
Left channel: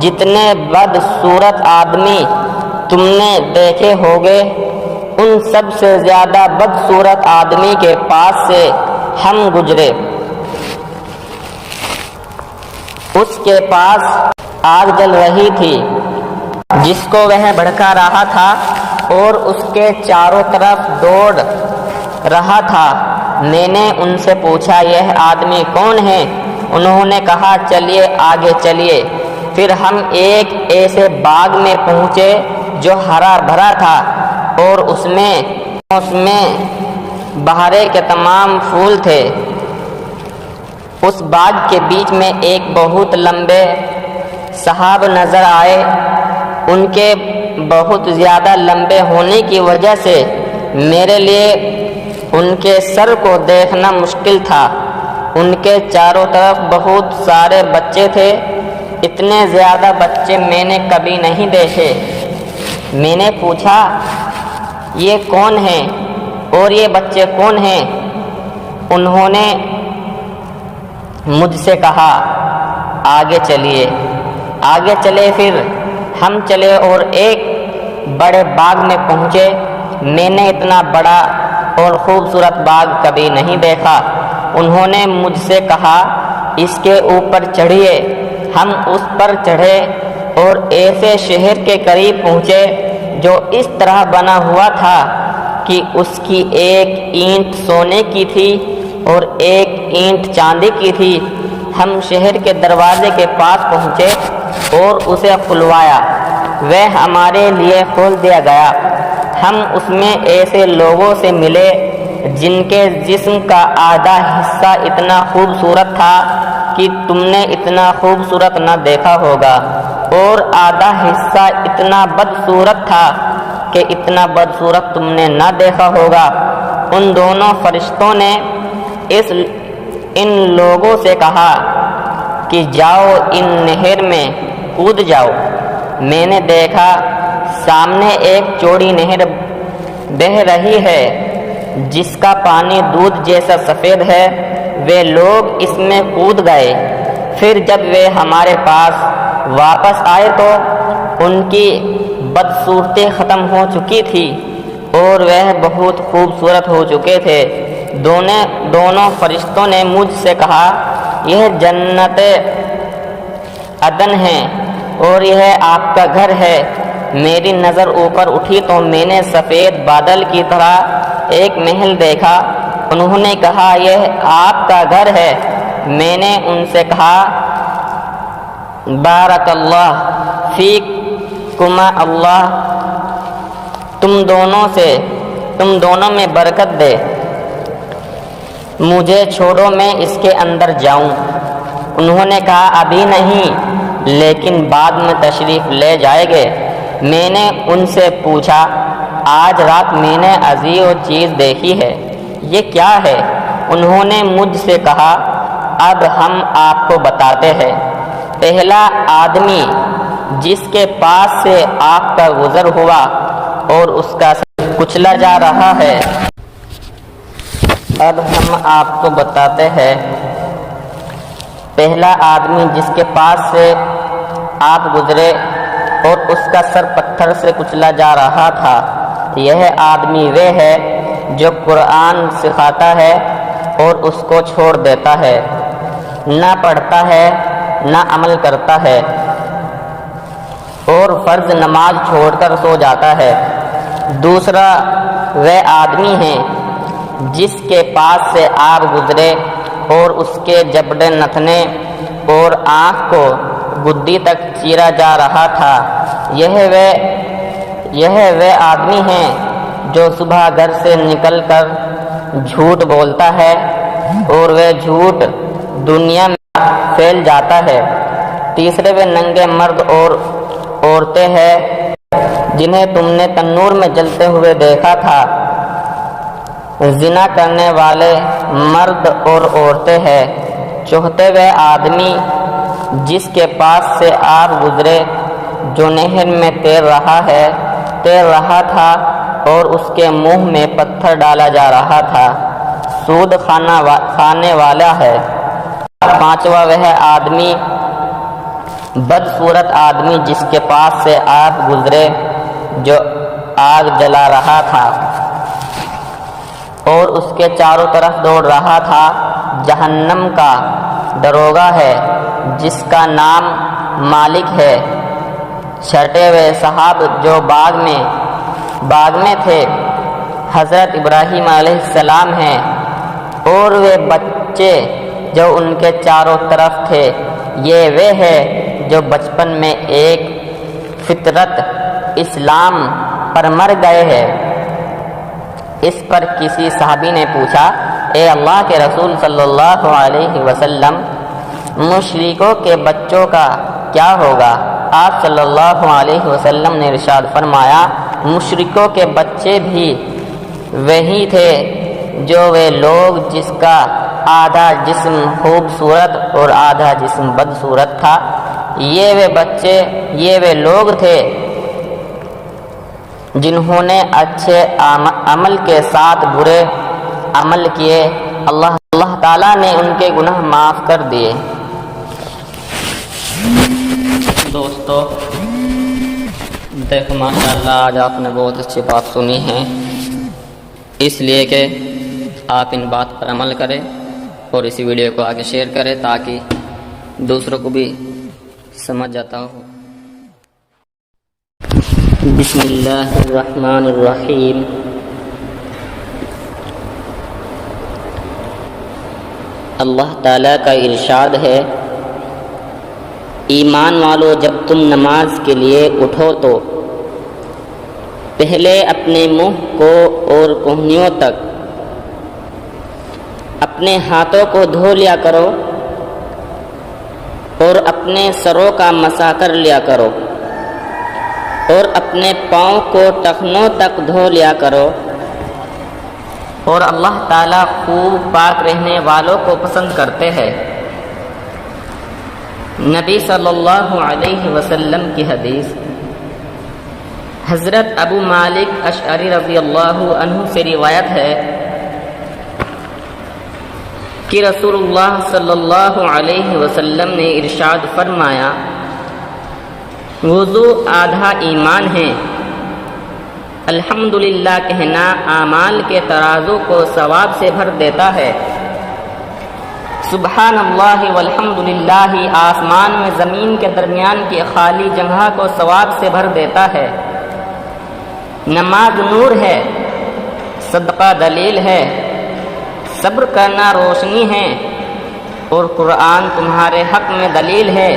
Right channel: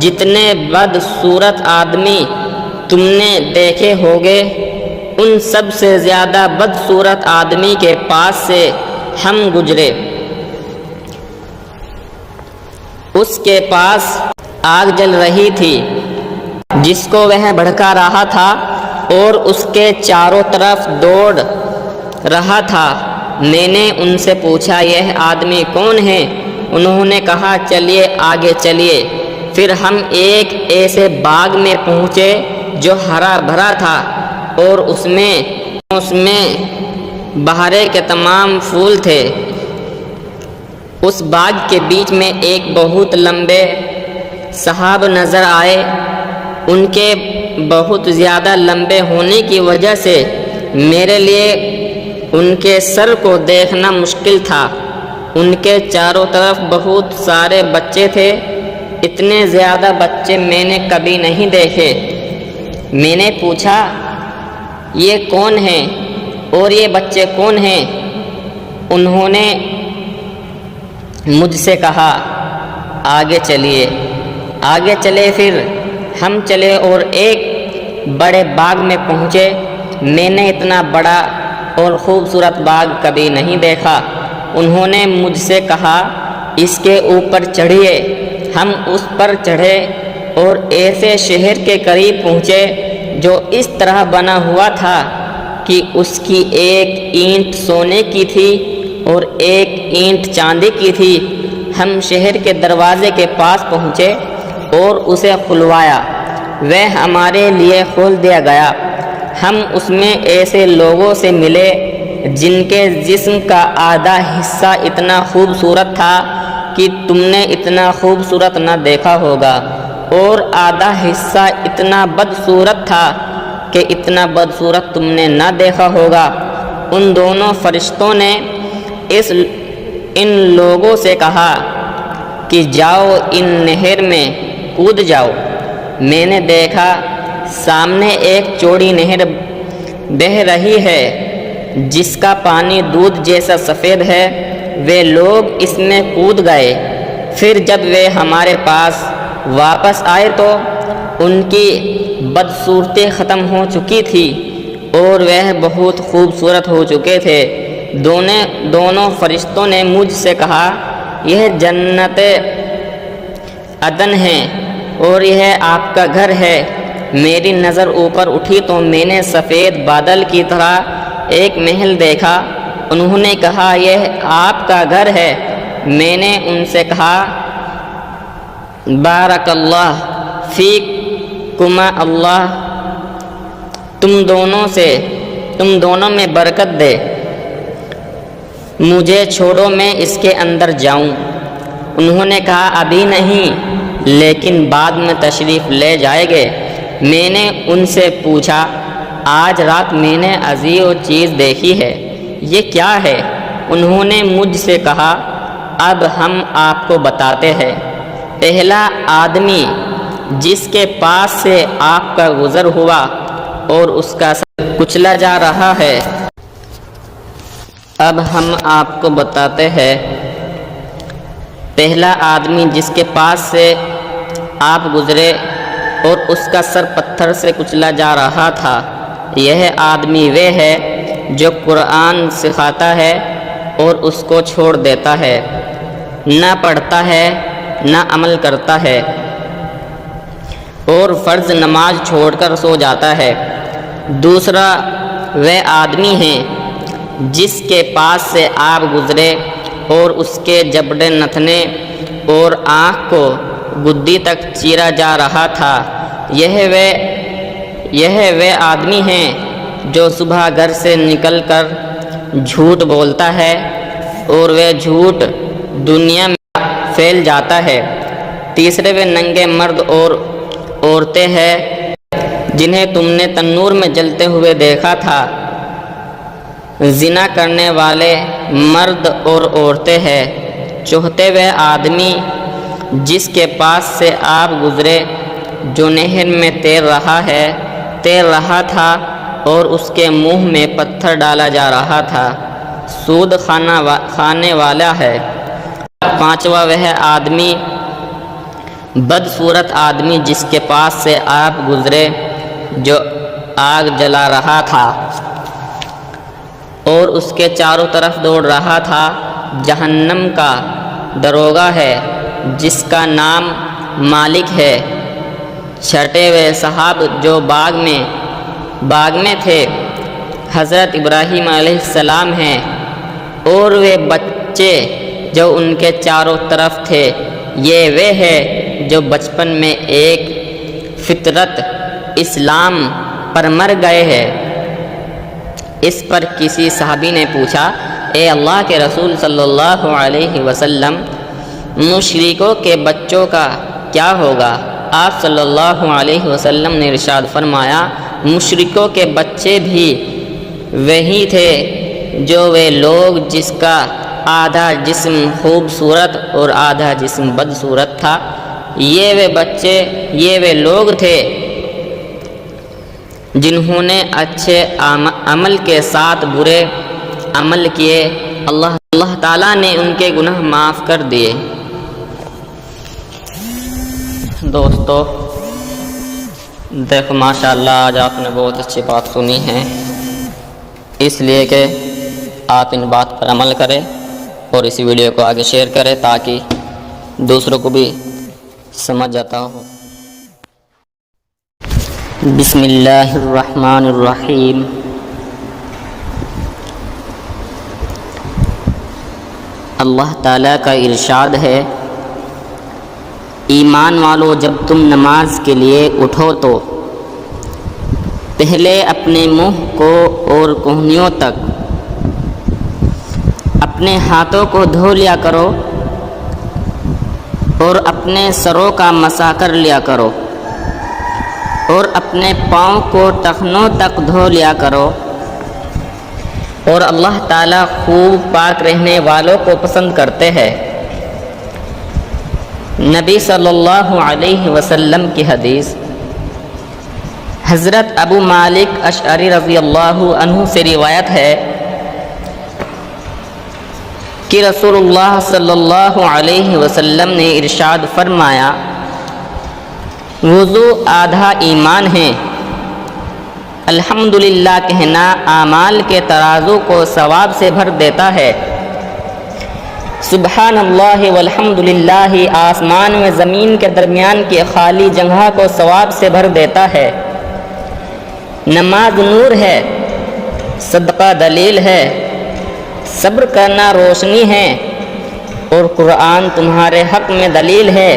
جتنے بدصورت آدمی تم نے دیکھے ہوگے، ان سب سے زیادہ بدصورت آدمی کے پاس سے ہم گزرے۔ اس کے پاس آگ جل رہی تھی جس کو وہ بھڑکا رہا تھا، اور اس کے چاروں طرف دوڑ رہا تھا۔ میں نے ان سے پوچھا، یہ آدمی کون ہے؟ انہوں نے کہا، چلیے آگے چلیے۔ پھر ہم ایک ایسے باغ میں پہنچے جو ہرا بھرا تھا، اور اس میں بہارے کے تمام پھول تھے۔ اس باغ کے بیچ میں ایک بہت لمبے صحاب نظر آئے۔ ان کے بہت زیادہ لمبے ہونے کی وجہ سے میرے لیے ان کے سر کو دیکھنا مشکل تھا۔ ان کے چاروں طرف بہت سارے بچے تھے، اتنے زیادہ بچے میں نے کبھی نہیں دیکھے۔ میں نے پوچھا، یہ کون ہیں اور یہ بچے کون ہیں؟ انہوں نے مجھ سے کہا، آگے چلیے۔ آگے چلے، پھر ہم چلے اور ایک بڑے باغ میں پہنچے۔ میں نے اتنا بڑا اور خوبصورت باغ کبھی نہیں دیکھا۔ انہوں نے مجھ سے کہا، اس کے اوپر چڑھیے۔ ہم اس پر چڑھے اور ایسے شہر کے قریب پہنچے جو اس طرح بنا ہوا تھا کہ اس کی ایک اینٹ سونے کی تھی اور ایک اینٹ چاندی کی تھی۔ ہم شہر کے دروازے کے پاس پہنچے اور اسے کھلوایا، وہ ہمارے لیے کھول دیا گیا۔ ہم اس میں ایسے لوگوں سے ملے جن کے جسم کا آدھا حصہ اتنا خوبصورت تھا کہ تم نے اتنا خوبصورت نہ دیکھا ہوگا، اور آدھا حصہ اتنا بدصورت تھا کہ اتنا بدصورت تم نے نہ دیکھا ہوگا۔ ان دونوں فرشتوں نے ان لوگوں سے کہا کہ جاؤ، ان نہر میں کود جاؤ۔ میں نے دیکھا سامنے ایک چوڑی نہر بہہ رہی ہے جس کا پانی دودھ جیسا سفید ہے۔ وہ لوگ اس میں کود گئے۔ پھر جب وہ ہمارے پاس واپس آئے تو ان کی بدصورتی ختم ہو چکی تھی اور وہ بہت خوبصورت ہو چکے تھے۔ دونوں فرشتوں نے مجھ سے کہا، یہ جنت عدن ہے اور یہ آپ کا گھر ہے۔ میری نظر اوپر اٹھی تو میں نے سفید بادل کی طرح ایک محل دیکھا۔ انہوں نے کہا، یہ آپ کا گھر ہے۔ میں نے ان سے کہا، بارک اللہ فیکما، اللہ تم دونوں میں برکت دے۔ مجھے چھوڑو، میں اس کے اندر جاؤں۔ انہوں نے کہا، ابھی نہیں، لیکن بعد میں تشریف لے جائیں گے۔ میں نے ان سے پوچھا، آج رات میں نے عجیب چیز دیکھی ہے، یہ کیا ہے؟ انہوں نے مجھ سے کہا، اب ہم آپ کو بتاتے ہیں۔ پہلا آدمی جس کے پاس سے آپ کا گزر ہوا اور اس کا سر کچلا جا رہا ہے، اب ہم آپ کو بتاتے ہیں۔ پہلا آدمی جس کے پاس سے آپ گزرے اور اس کا سر پتھر سے کچلا جا رہا تھا، یہ آدمی وہ ہے جو قرآن سکھاتا ہے اور اس کو چھوڑ دیتا ہے، نہ پڑھتا ہے نہ عمل کرتا ہے، اور فرض نماز چھوڑ کر سو جاتا ہے۔ دوسرا وہ آدمی ہے جس کے پاس سے آپ گزرے اور اس کے جبڑے نتنے اور آنکھ کو گدی تک چیرا جا رہا تھا۔ یہ وہ آدمی ہے جو صبح گھر سے نکل کر جھوٹ بولتا ہے اور وہ جھوٹ دنیا میں پھیل جاتا ہے۔ تیسرے وہ ننگے مرد اور عورتیں ہیں جنہیں تم نے تنور میں جلتے ہوئے دیکھا تھا۔ زنا کرنے والے مرد اور عورتیں ہیں۔ چوتھے وہ آدمی جس کے پاس سے آپ گزرے جو نہر میں تیر رہا تھا اور اس کے منہ میں پتھر ڈالا جا رہا تھا، سود کھانے والا ہے۔ پانچواں وہ آدمی بدصورت آدمی جس کے پاس سے آپ گزرے جو آگ جلا رہا تھا اور اس کے چاروں طرف دوڑ رہا تھا۔ جہنم کا دروغہ ہے جس کا نام مالک ہے۔ چھٹے ہوئے صاحب جو باغ میں تھے حضرت ابراہیم علیہ السلام ہیں، اور وہ بچے جو ان کے چاروں طرف تھے، یہ وہ ہے جو بچپن میں ایک فطرت اسلام پر مر گئے ہیں۔ اس پر کسی صحابی نے پوچھا، اے اللہ کے رسول صلی اللہ علیہ وسلم، مشرکوں کے بچوں کا کیا ہوگا؟ آپ صلی اللہ علیہ وسلم نے ارشاد فرمایا، مشرکوں کے بچے بھی وہی تھے جو وہ لوگ جس کا آدھا جسم خوبصورت اور آدھا جسم بدصورت تھا۔ یہ وہ لوگ تھے جنہوں نے اچھے عمل کے ساتھ برے عمل کیے، اللہ تعالیٰ نے ان کے گناہ معاف کر دیے۔ دوستو دیکھو ماشاءاللہ آج آپ نے بہت اچھی بات سنی ہے، اس لیے کہ آپ ان بات پر عمل کریں اور اسی ویڈیو کو آگے شیئر کریں تاکہ دوسروں کو بھی سمجھ جاتا ہو۔ بسم اللہ الرحمن الرحیم۔ اللہ تعالیٰ کا ارشاد ہے، ایمان والو جب تم نماز کے لیے اٹھو تو پہلے اپنے منہ کو اور کہنیوں تک اپنے ہاتھوں کو دھو لیا کرو اور اپنے سروں کا مسح کر لیا کرو اور اپنے پاؤں کو ٹخنوں تک دھو لیا کرو، اور اللہ تعالیٰ خوب پاک رہنے والوں کو پسند کرتے ہیں۔ نبی صلی اللہ علیہ وسلم کی حدیث، حضرت ابو مالک اشعری رضی اللہ عنہ سے روایت ہے کہ رسول اللہ صلی اللہ علیہ وسلم نے ارشاد فرمایا، وضو آدھا ایمان ہے۔ الحمدللہ کہنا اعمال کے ترازو کو ثواب سے بھر دیتا ہے۔ سبحان اللہ والحمدللہ آسمان میں زمین کے درمیان کی خالی جگہ کو ثواب سے بھر دیتا ہے۔ نماز نور ہے، صدقہ دلیل ہے، صبر کرنا روشنی ہے، اور قرآن تمہارے حق میں دلیل ہے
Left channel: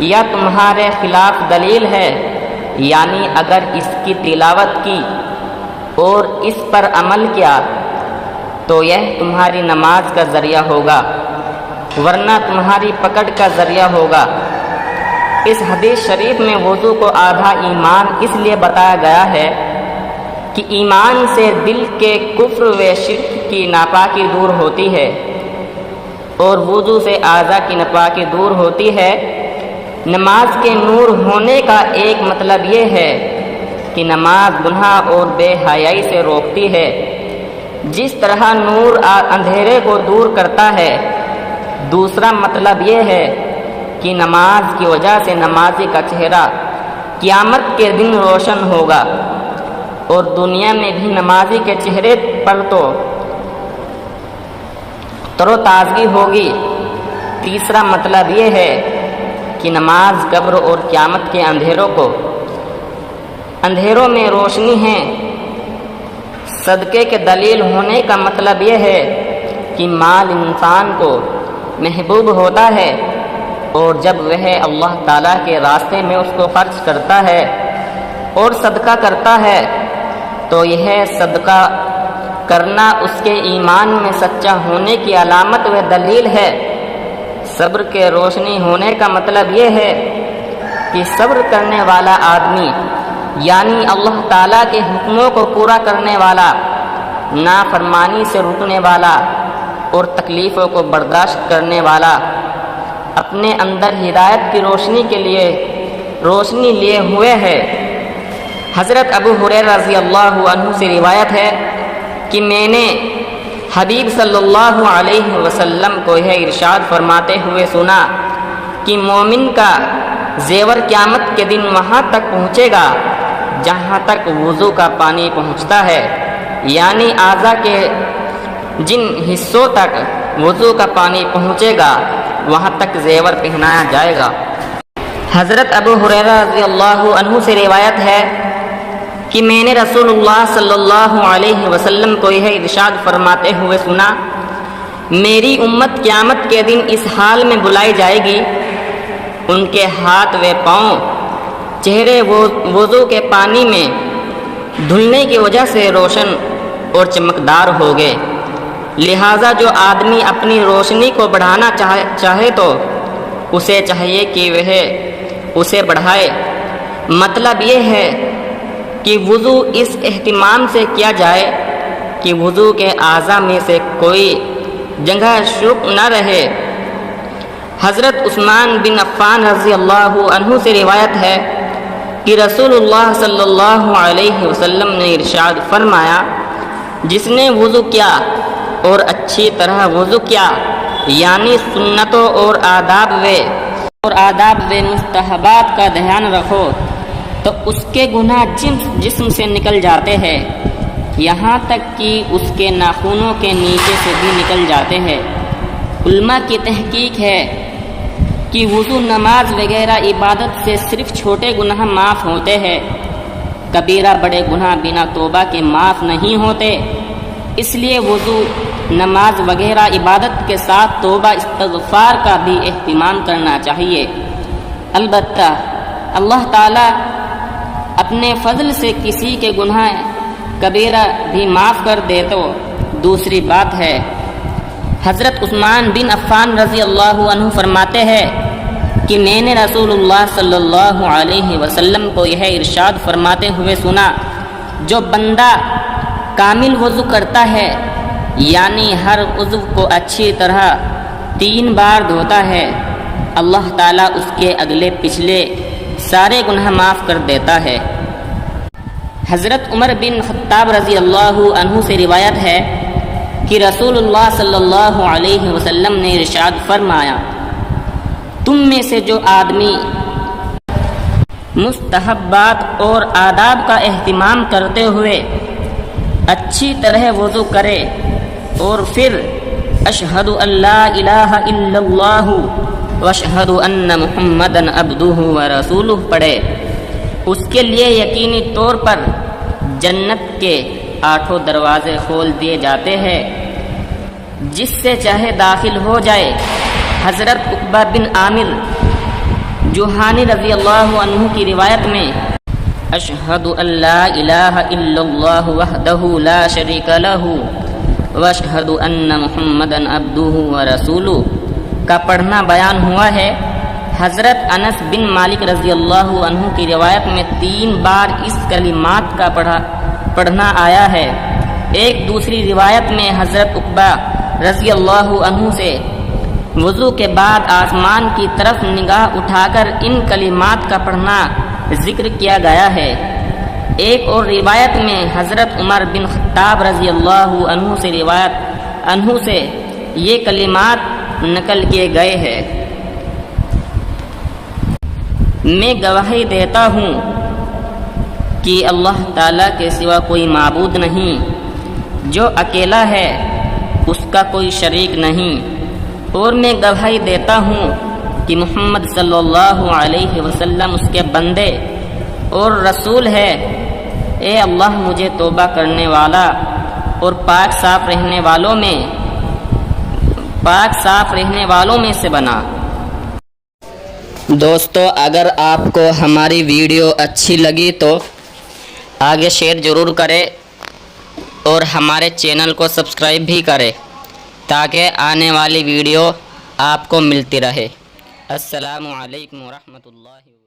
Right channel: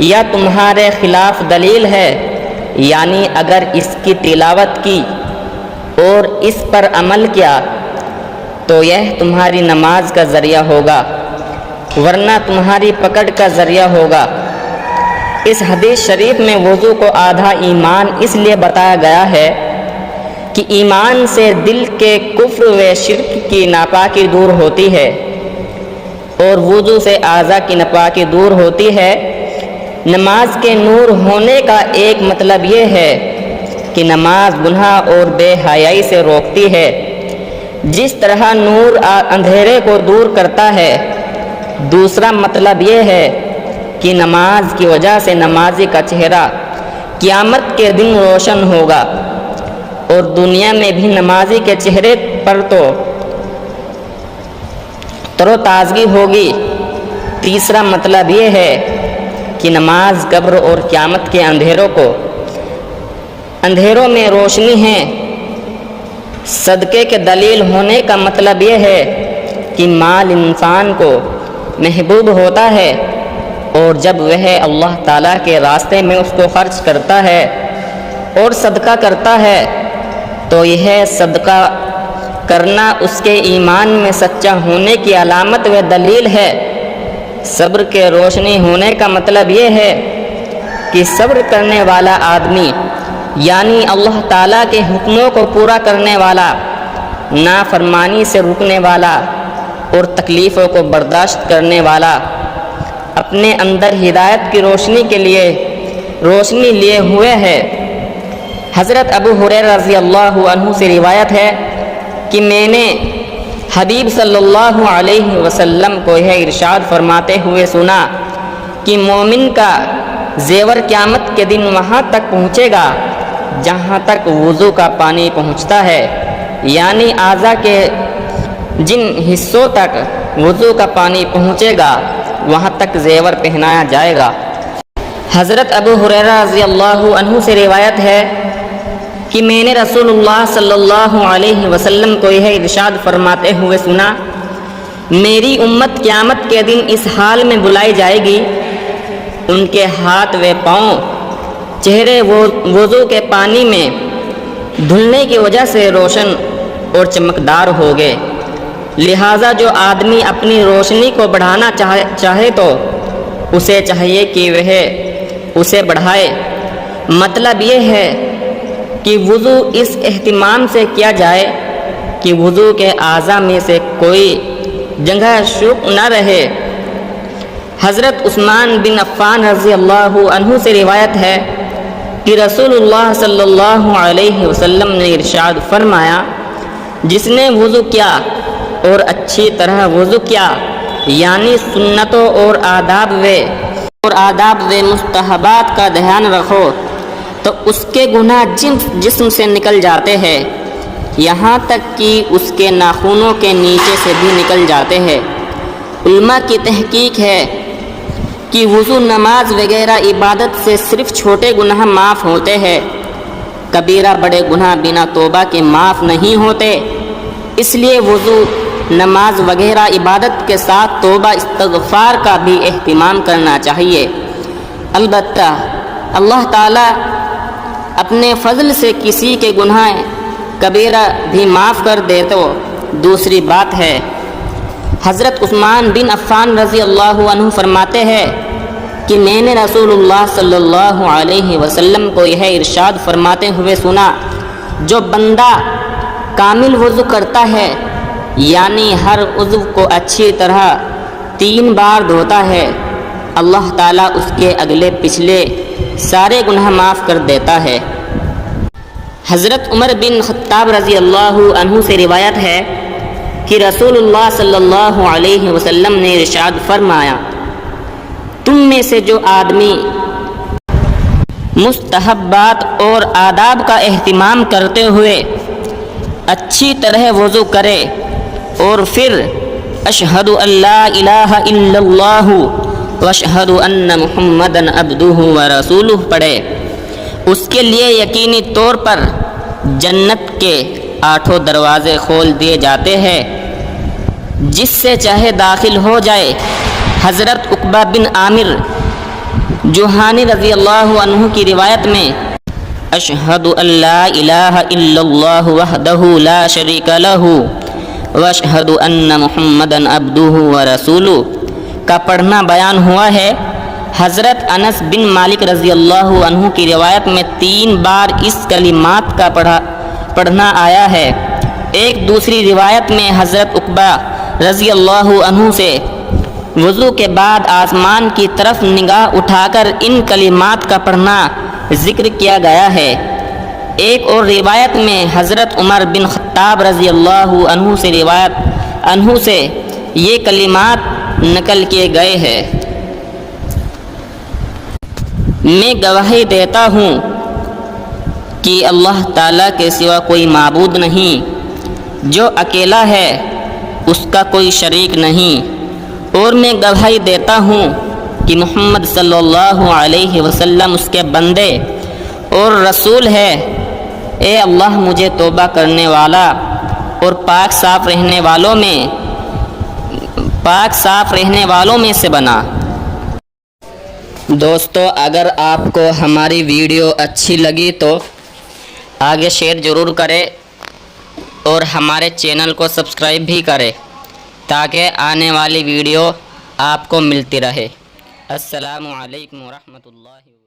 یا تمہارے خلاف دلیل ہے، یعنی اگر اس کی تلاوت کی اور اس پر عمل کیا تو یہ تمہاری نماز کا ذریعہ ہوگا، ورنہ تمہاری پکڑ کا ذریعہ ہوگا۔ اس حدیث شریف میں وضو کو آدھا ایمان اس لیے بتایا گیا ہے کہ ایمان سے دل کے کفر و شرک کی ناپاکی دور ہوتی ہے، اور وضو سے اعضاء کی ناپاکی دور ہوتی ہے۔ نماز کے نور ہونے کا ایک مطلب یہ ہے کہ نماز گناہ اور بے حیائی سے روکتی ہے۔ جس طرح نور اندھیرے کو دور کرتا ہے، دوسرا مطلب یہ ہے کہ نماز کی وجہ سے نمازی کا چہرہ قیامت کے دن روشن ہوگا۔ اور دنیا میں بھی نمازی کے چہرے پر تو تر و تازگی ہوگی۔ تیسرا مطلب یہ ہے کہ نماز قبر اور قیامت کے اندھیروں میں روشنی ہے۔ صدقے کے دلیل ہونے کا مطلب یہ ہے کہ مال انسان کو محبوب ہوتا ہے، اور جب وہ اللہ تعالیٰ کے راستے میں اس کو خرچ کرتا ہے اور صدقہ کرتا ہے تو یہ صدقہ کرنا اس کے ایمان میں سچا ہونے کی علامت و دلیل ہے۔ صبر کے روشنی ہونے کا مطلب یہ ہے کہ صبر کرنے والا آدمی یعنی اللہ تعالیٰ کے حکموں کو پورا کرنے والا، نافرمانی سے رکنے والا اور تکلیفوں کو برداشت کرنے والا، اپنے اندر ہدایت کی روشنی لیے ہوئے ہے۔ حضرت ابو ہریرہ رضی اللہ عنہ سے روایت ہے کہ میں نے حبیب صلی اللہ علیہ وسلم کو یہ ارشاد فرماتے ہوئے سنا کہ مومن کا زیور قیامت کے دن وہاں تک پہنچے گا جہاں تک وضو کا پانی پہنچتا ہے، یعنی اعضاء کے جن حصوں تک وضو کا پانی پہنچے گا وہاں تک زیور پہنایا جائے گا۔ حضرت ابو ہریرہ رضی اللہ عنہ سے روایت ہے کہ میں نے رسول اللہ صلی اللہ علیہ وسلم کو یہ ارشاد فرماتے ہوئے سنا، میری امت قیامت کے دن اس حال میں بلائی جائے گی، ان کے ہاتھ و پاؤں چہرے وضو کے پانی میں دھلنے کی وجہ سے روشن اور چمکدار ہوگے، لہٰذا جو آدمی اپنی روشنی کو بڑھانا چاہے تو اسے چاہیے کہ وہ اسے بڑھائے۔ مطلب یہ ہے کہ وضو اس اہتمام سے کیا جائے کہ وضو کے اعضاء میں سے کوئی جگہ شک نہ رہے۔ حضرت عثمان بن عفان رضی اللہ عنہ سے روایت ہے کہ رسول اللہ صلی اللہ علیہ وسلم نے ارشاد فرمایا، جس نے وضو کیا اور اچھی طرح وضو کیا یعنی سنتوں اور آداب و مستحبات کا دھیان رکھو تو اس کے گناہ جسم سے نکل جاتے ہیں، یہاں تک کہ اس کے ناخنوں کے نیچے سے بھی نکل جاتے ہیں۔ علماء کی تحقیق ہے کہ وضو، نماز وغیرہ عبادت سے صرف چھوٹے گناہ معاف ہوتے ہیں، کبیرہ بڑے گناہ بنا توبہ کے معاف نہیں ہوتے، اس لیے وضو، نماز وغیرہ عبادت کے ساتھ توبہ استغفار کا بھی اہتمام کرنا چاہیے۔ البتہ اللہ تعالیٰ اپنے فضل سے کسی کے گناہ کبیرہ بھی معاف کر دے تو دوسری بات ہے۔ حضرت عثمان بن عفان رضی اللہ عنہ فرماتے ہیں کہ میں نے رسول اللہ صلی اللہ علیہ وسلم کو یہ ارشاد فرماتے ہوئے سنا، جو بندہ کامل وضو کرتا ہے یعنی ہر عضو کو اچھی طرح 3 بار دھوتا ہے، اللہ تعالیٰ اس کے اگلے پچھلے سارے گناہ معاف کر دیتا ہے۔ حضرت عمر بن خطاب رضی اللہ عنہ سے روایت ہے کہ رسول اللہ صلی اللہ علیہ وسلم نے ارشاد فرمایا، تم میں سے جو آدمی مستحبات اور آداب کا اہتمام کرتے ہوئے اچھی طرح وضو کرے اور پھر اشہد ان لا الہ الا اللہ واشہد ان محمدًا عبدہ ورسولہ پڑھے، اس کے لیے یقینی طور پر جنت کے 8 دروازے کھول دیے جاتے ہیں، جس سے چاہے داخل ہو جائے۔ حضرت عقبہ بن عامر جوہانی رضی اللہ عنہ کی روایت میں اشہد ان لا الہ الا اللہ وحدہ لا شریک لہ واشہد ان محمدًا عبدہ ورسولہ کا پڑھنا بیان ہوا ہے۔ حضرت انس بن مالک رضی اللہ عنہ کی روایت میں 3 بار اس کلمات کا پڑھنا آیا ہے۔ ایک دوسری روایت میں حضرت عقبہ رضی اللہ عنہ سے وضو کے بعد آسمان کی طرف نگاہ اٹھا کر ان کلمات کا پڑھنا ذکر کیا گیا ہے۔ ایک اور روایت میں حضرت عمر بن خطاب رضی اللہ عنہ سے یہ کلمات نقل کیے گئے ہیں، میں گواہی دیتا ہوں کہ اللہ تعالیٰ کے سوا کوئی معبود نہیں، جو اکیلا ہے اس کا کوئی شریک نہیں، اور میں گواہی دیتا ہوں کہ محمد صلی اللہ علیہ وسلم اس کے بندے اور رسول ہے۔ اے اللہ مجھے توبہ کرنے والا اور پاک صاف رہنے والوں میں سے بنا۔ دوستو، اگر آپ کو ہماری ویڈیو اچھی لگی تو آگے شیئر ضرور کریں اور ہمارے چینل کو سبسکرائب بھی کریں تاکہ آنے والی ویڈیو آپ کو ملتی رہے۔ السلام علیکم ورحمۃ اللہ وبرکاتہ۔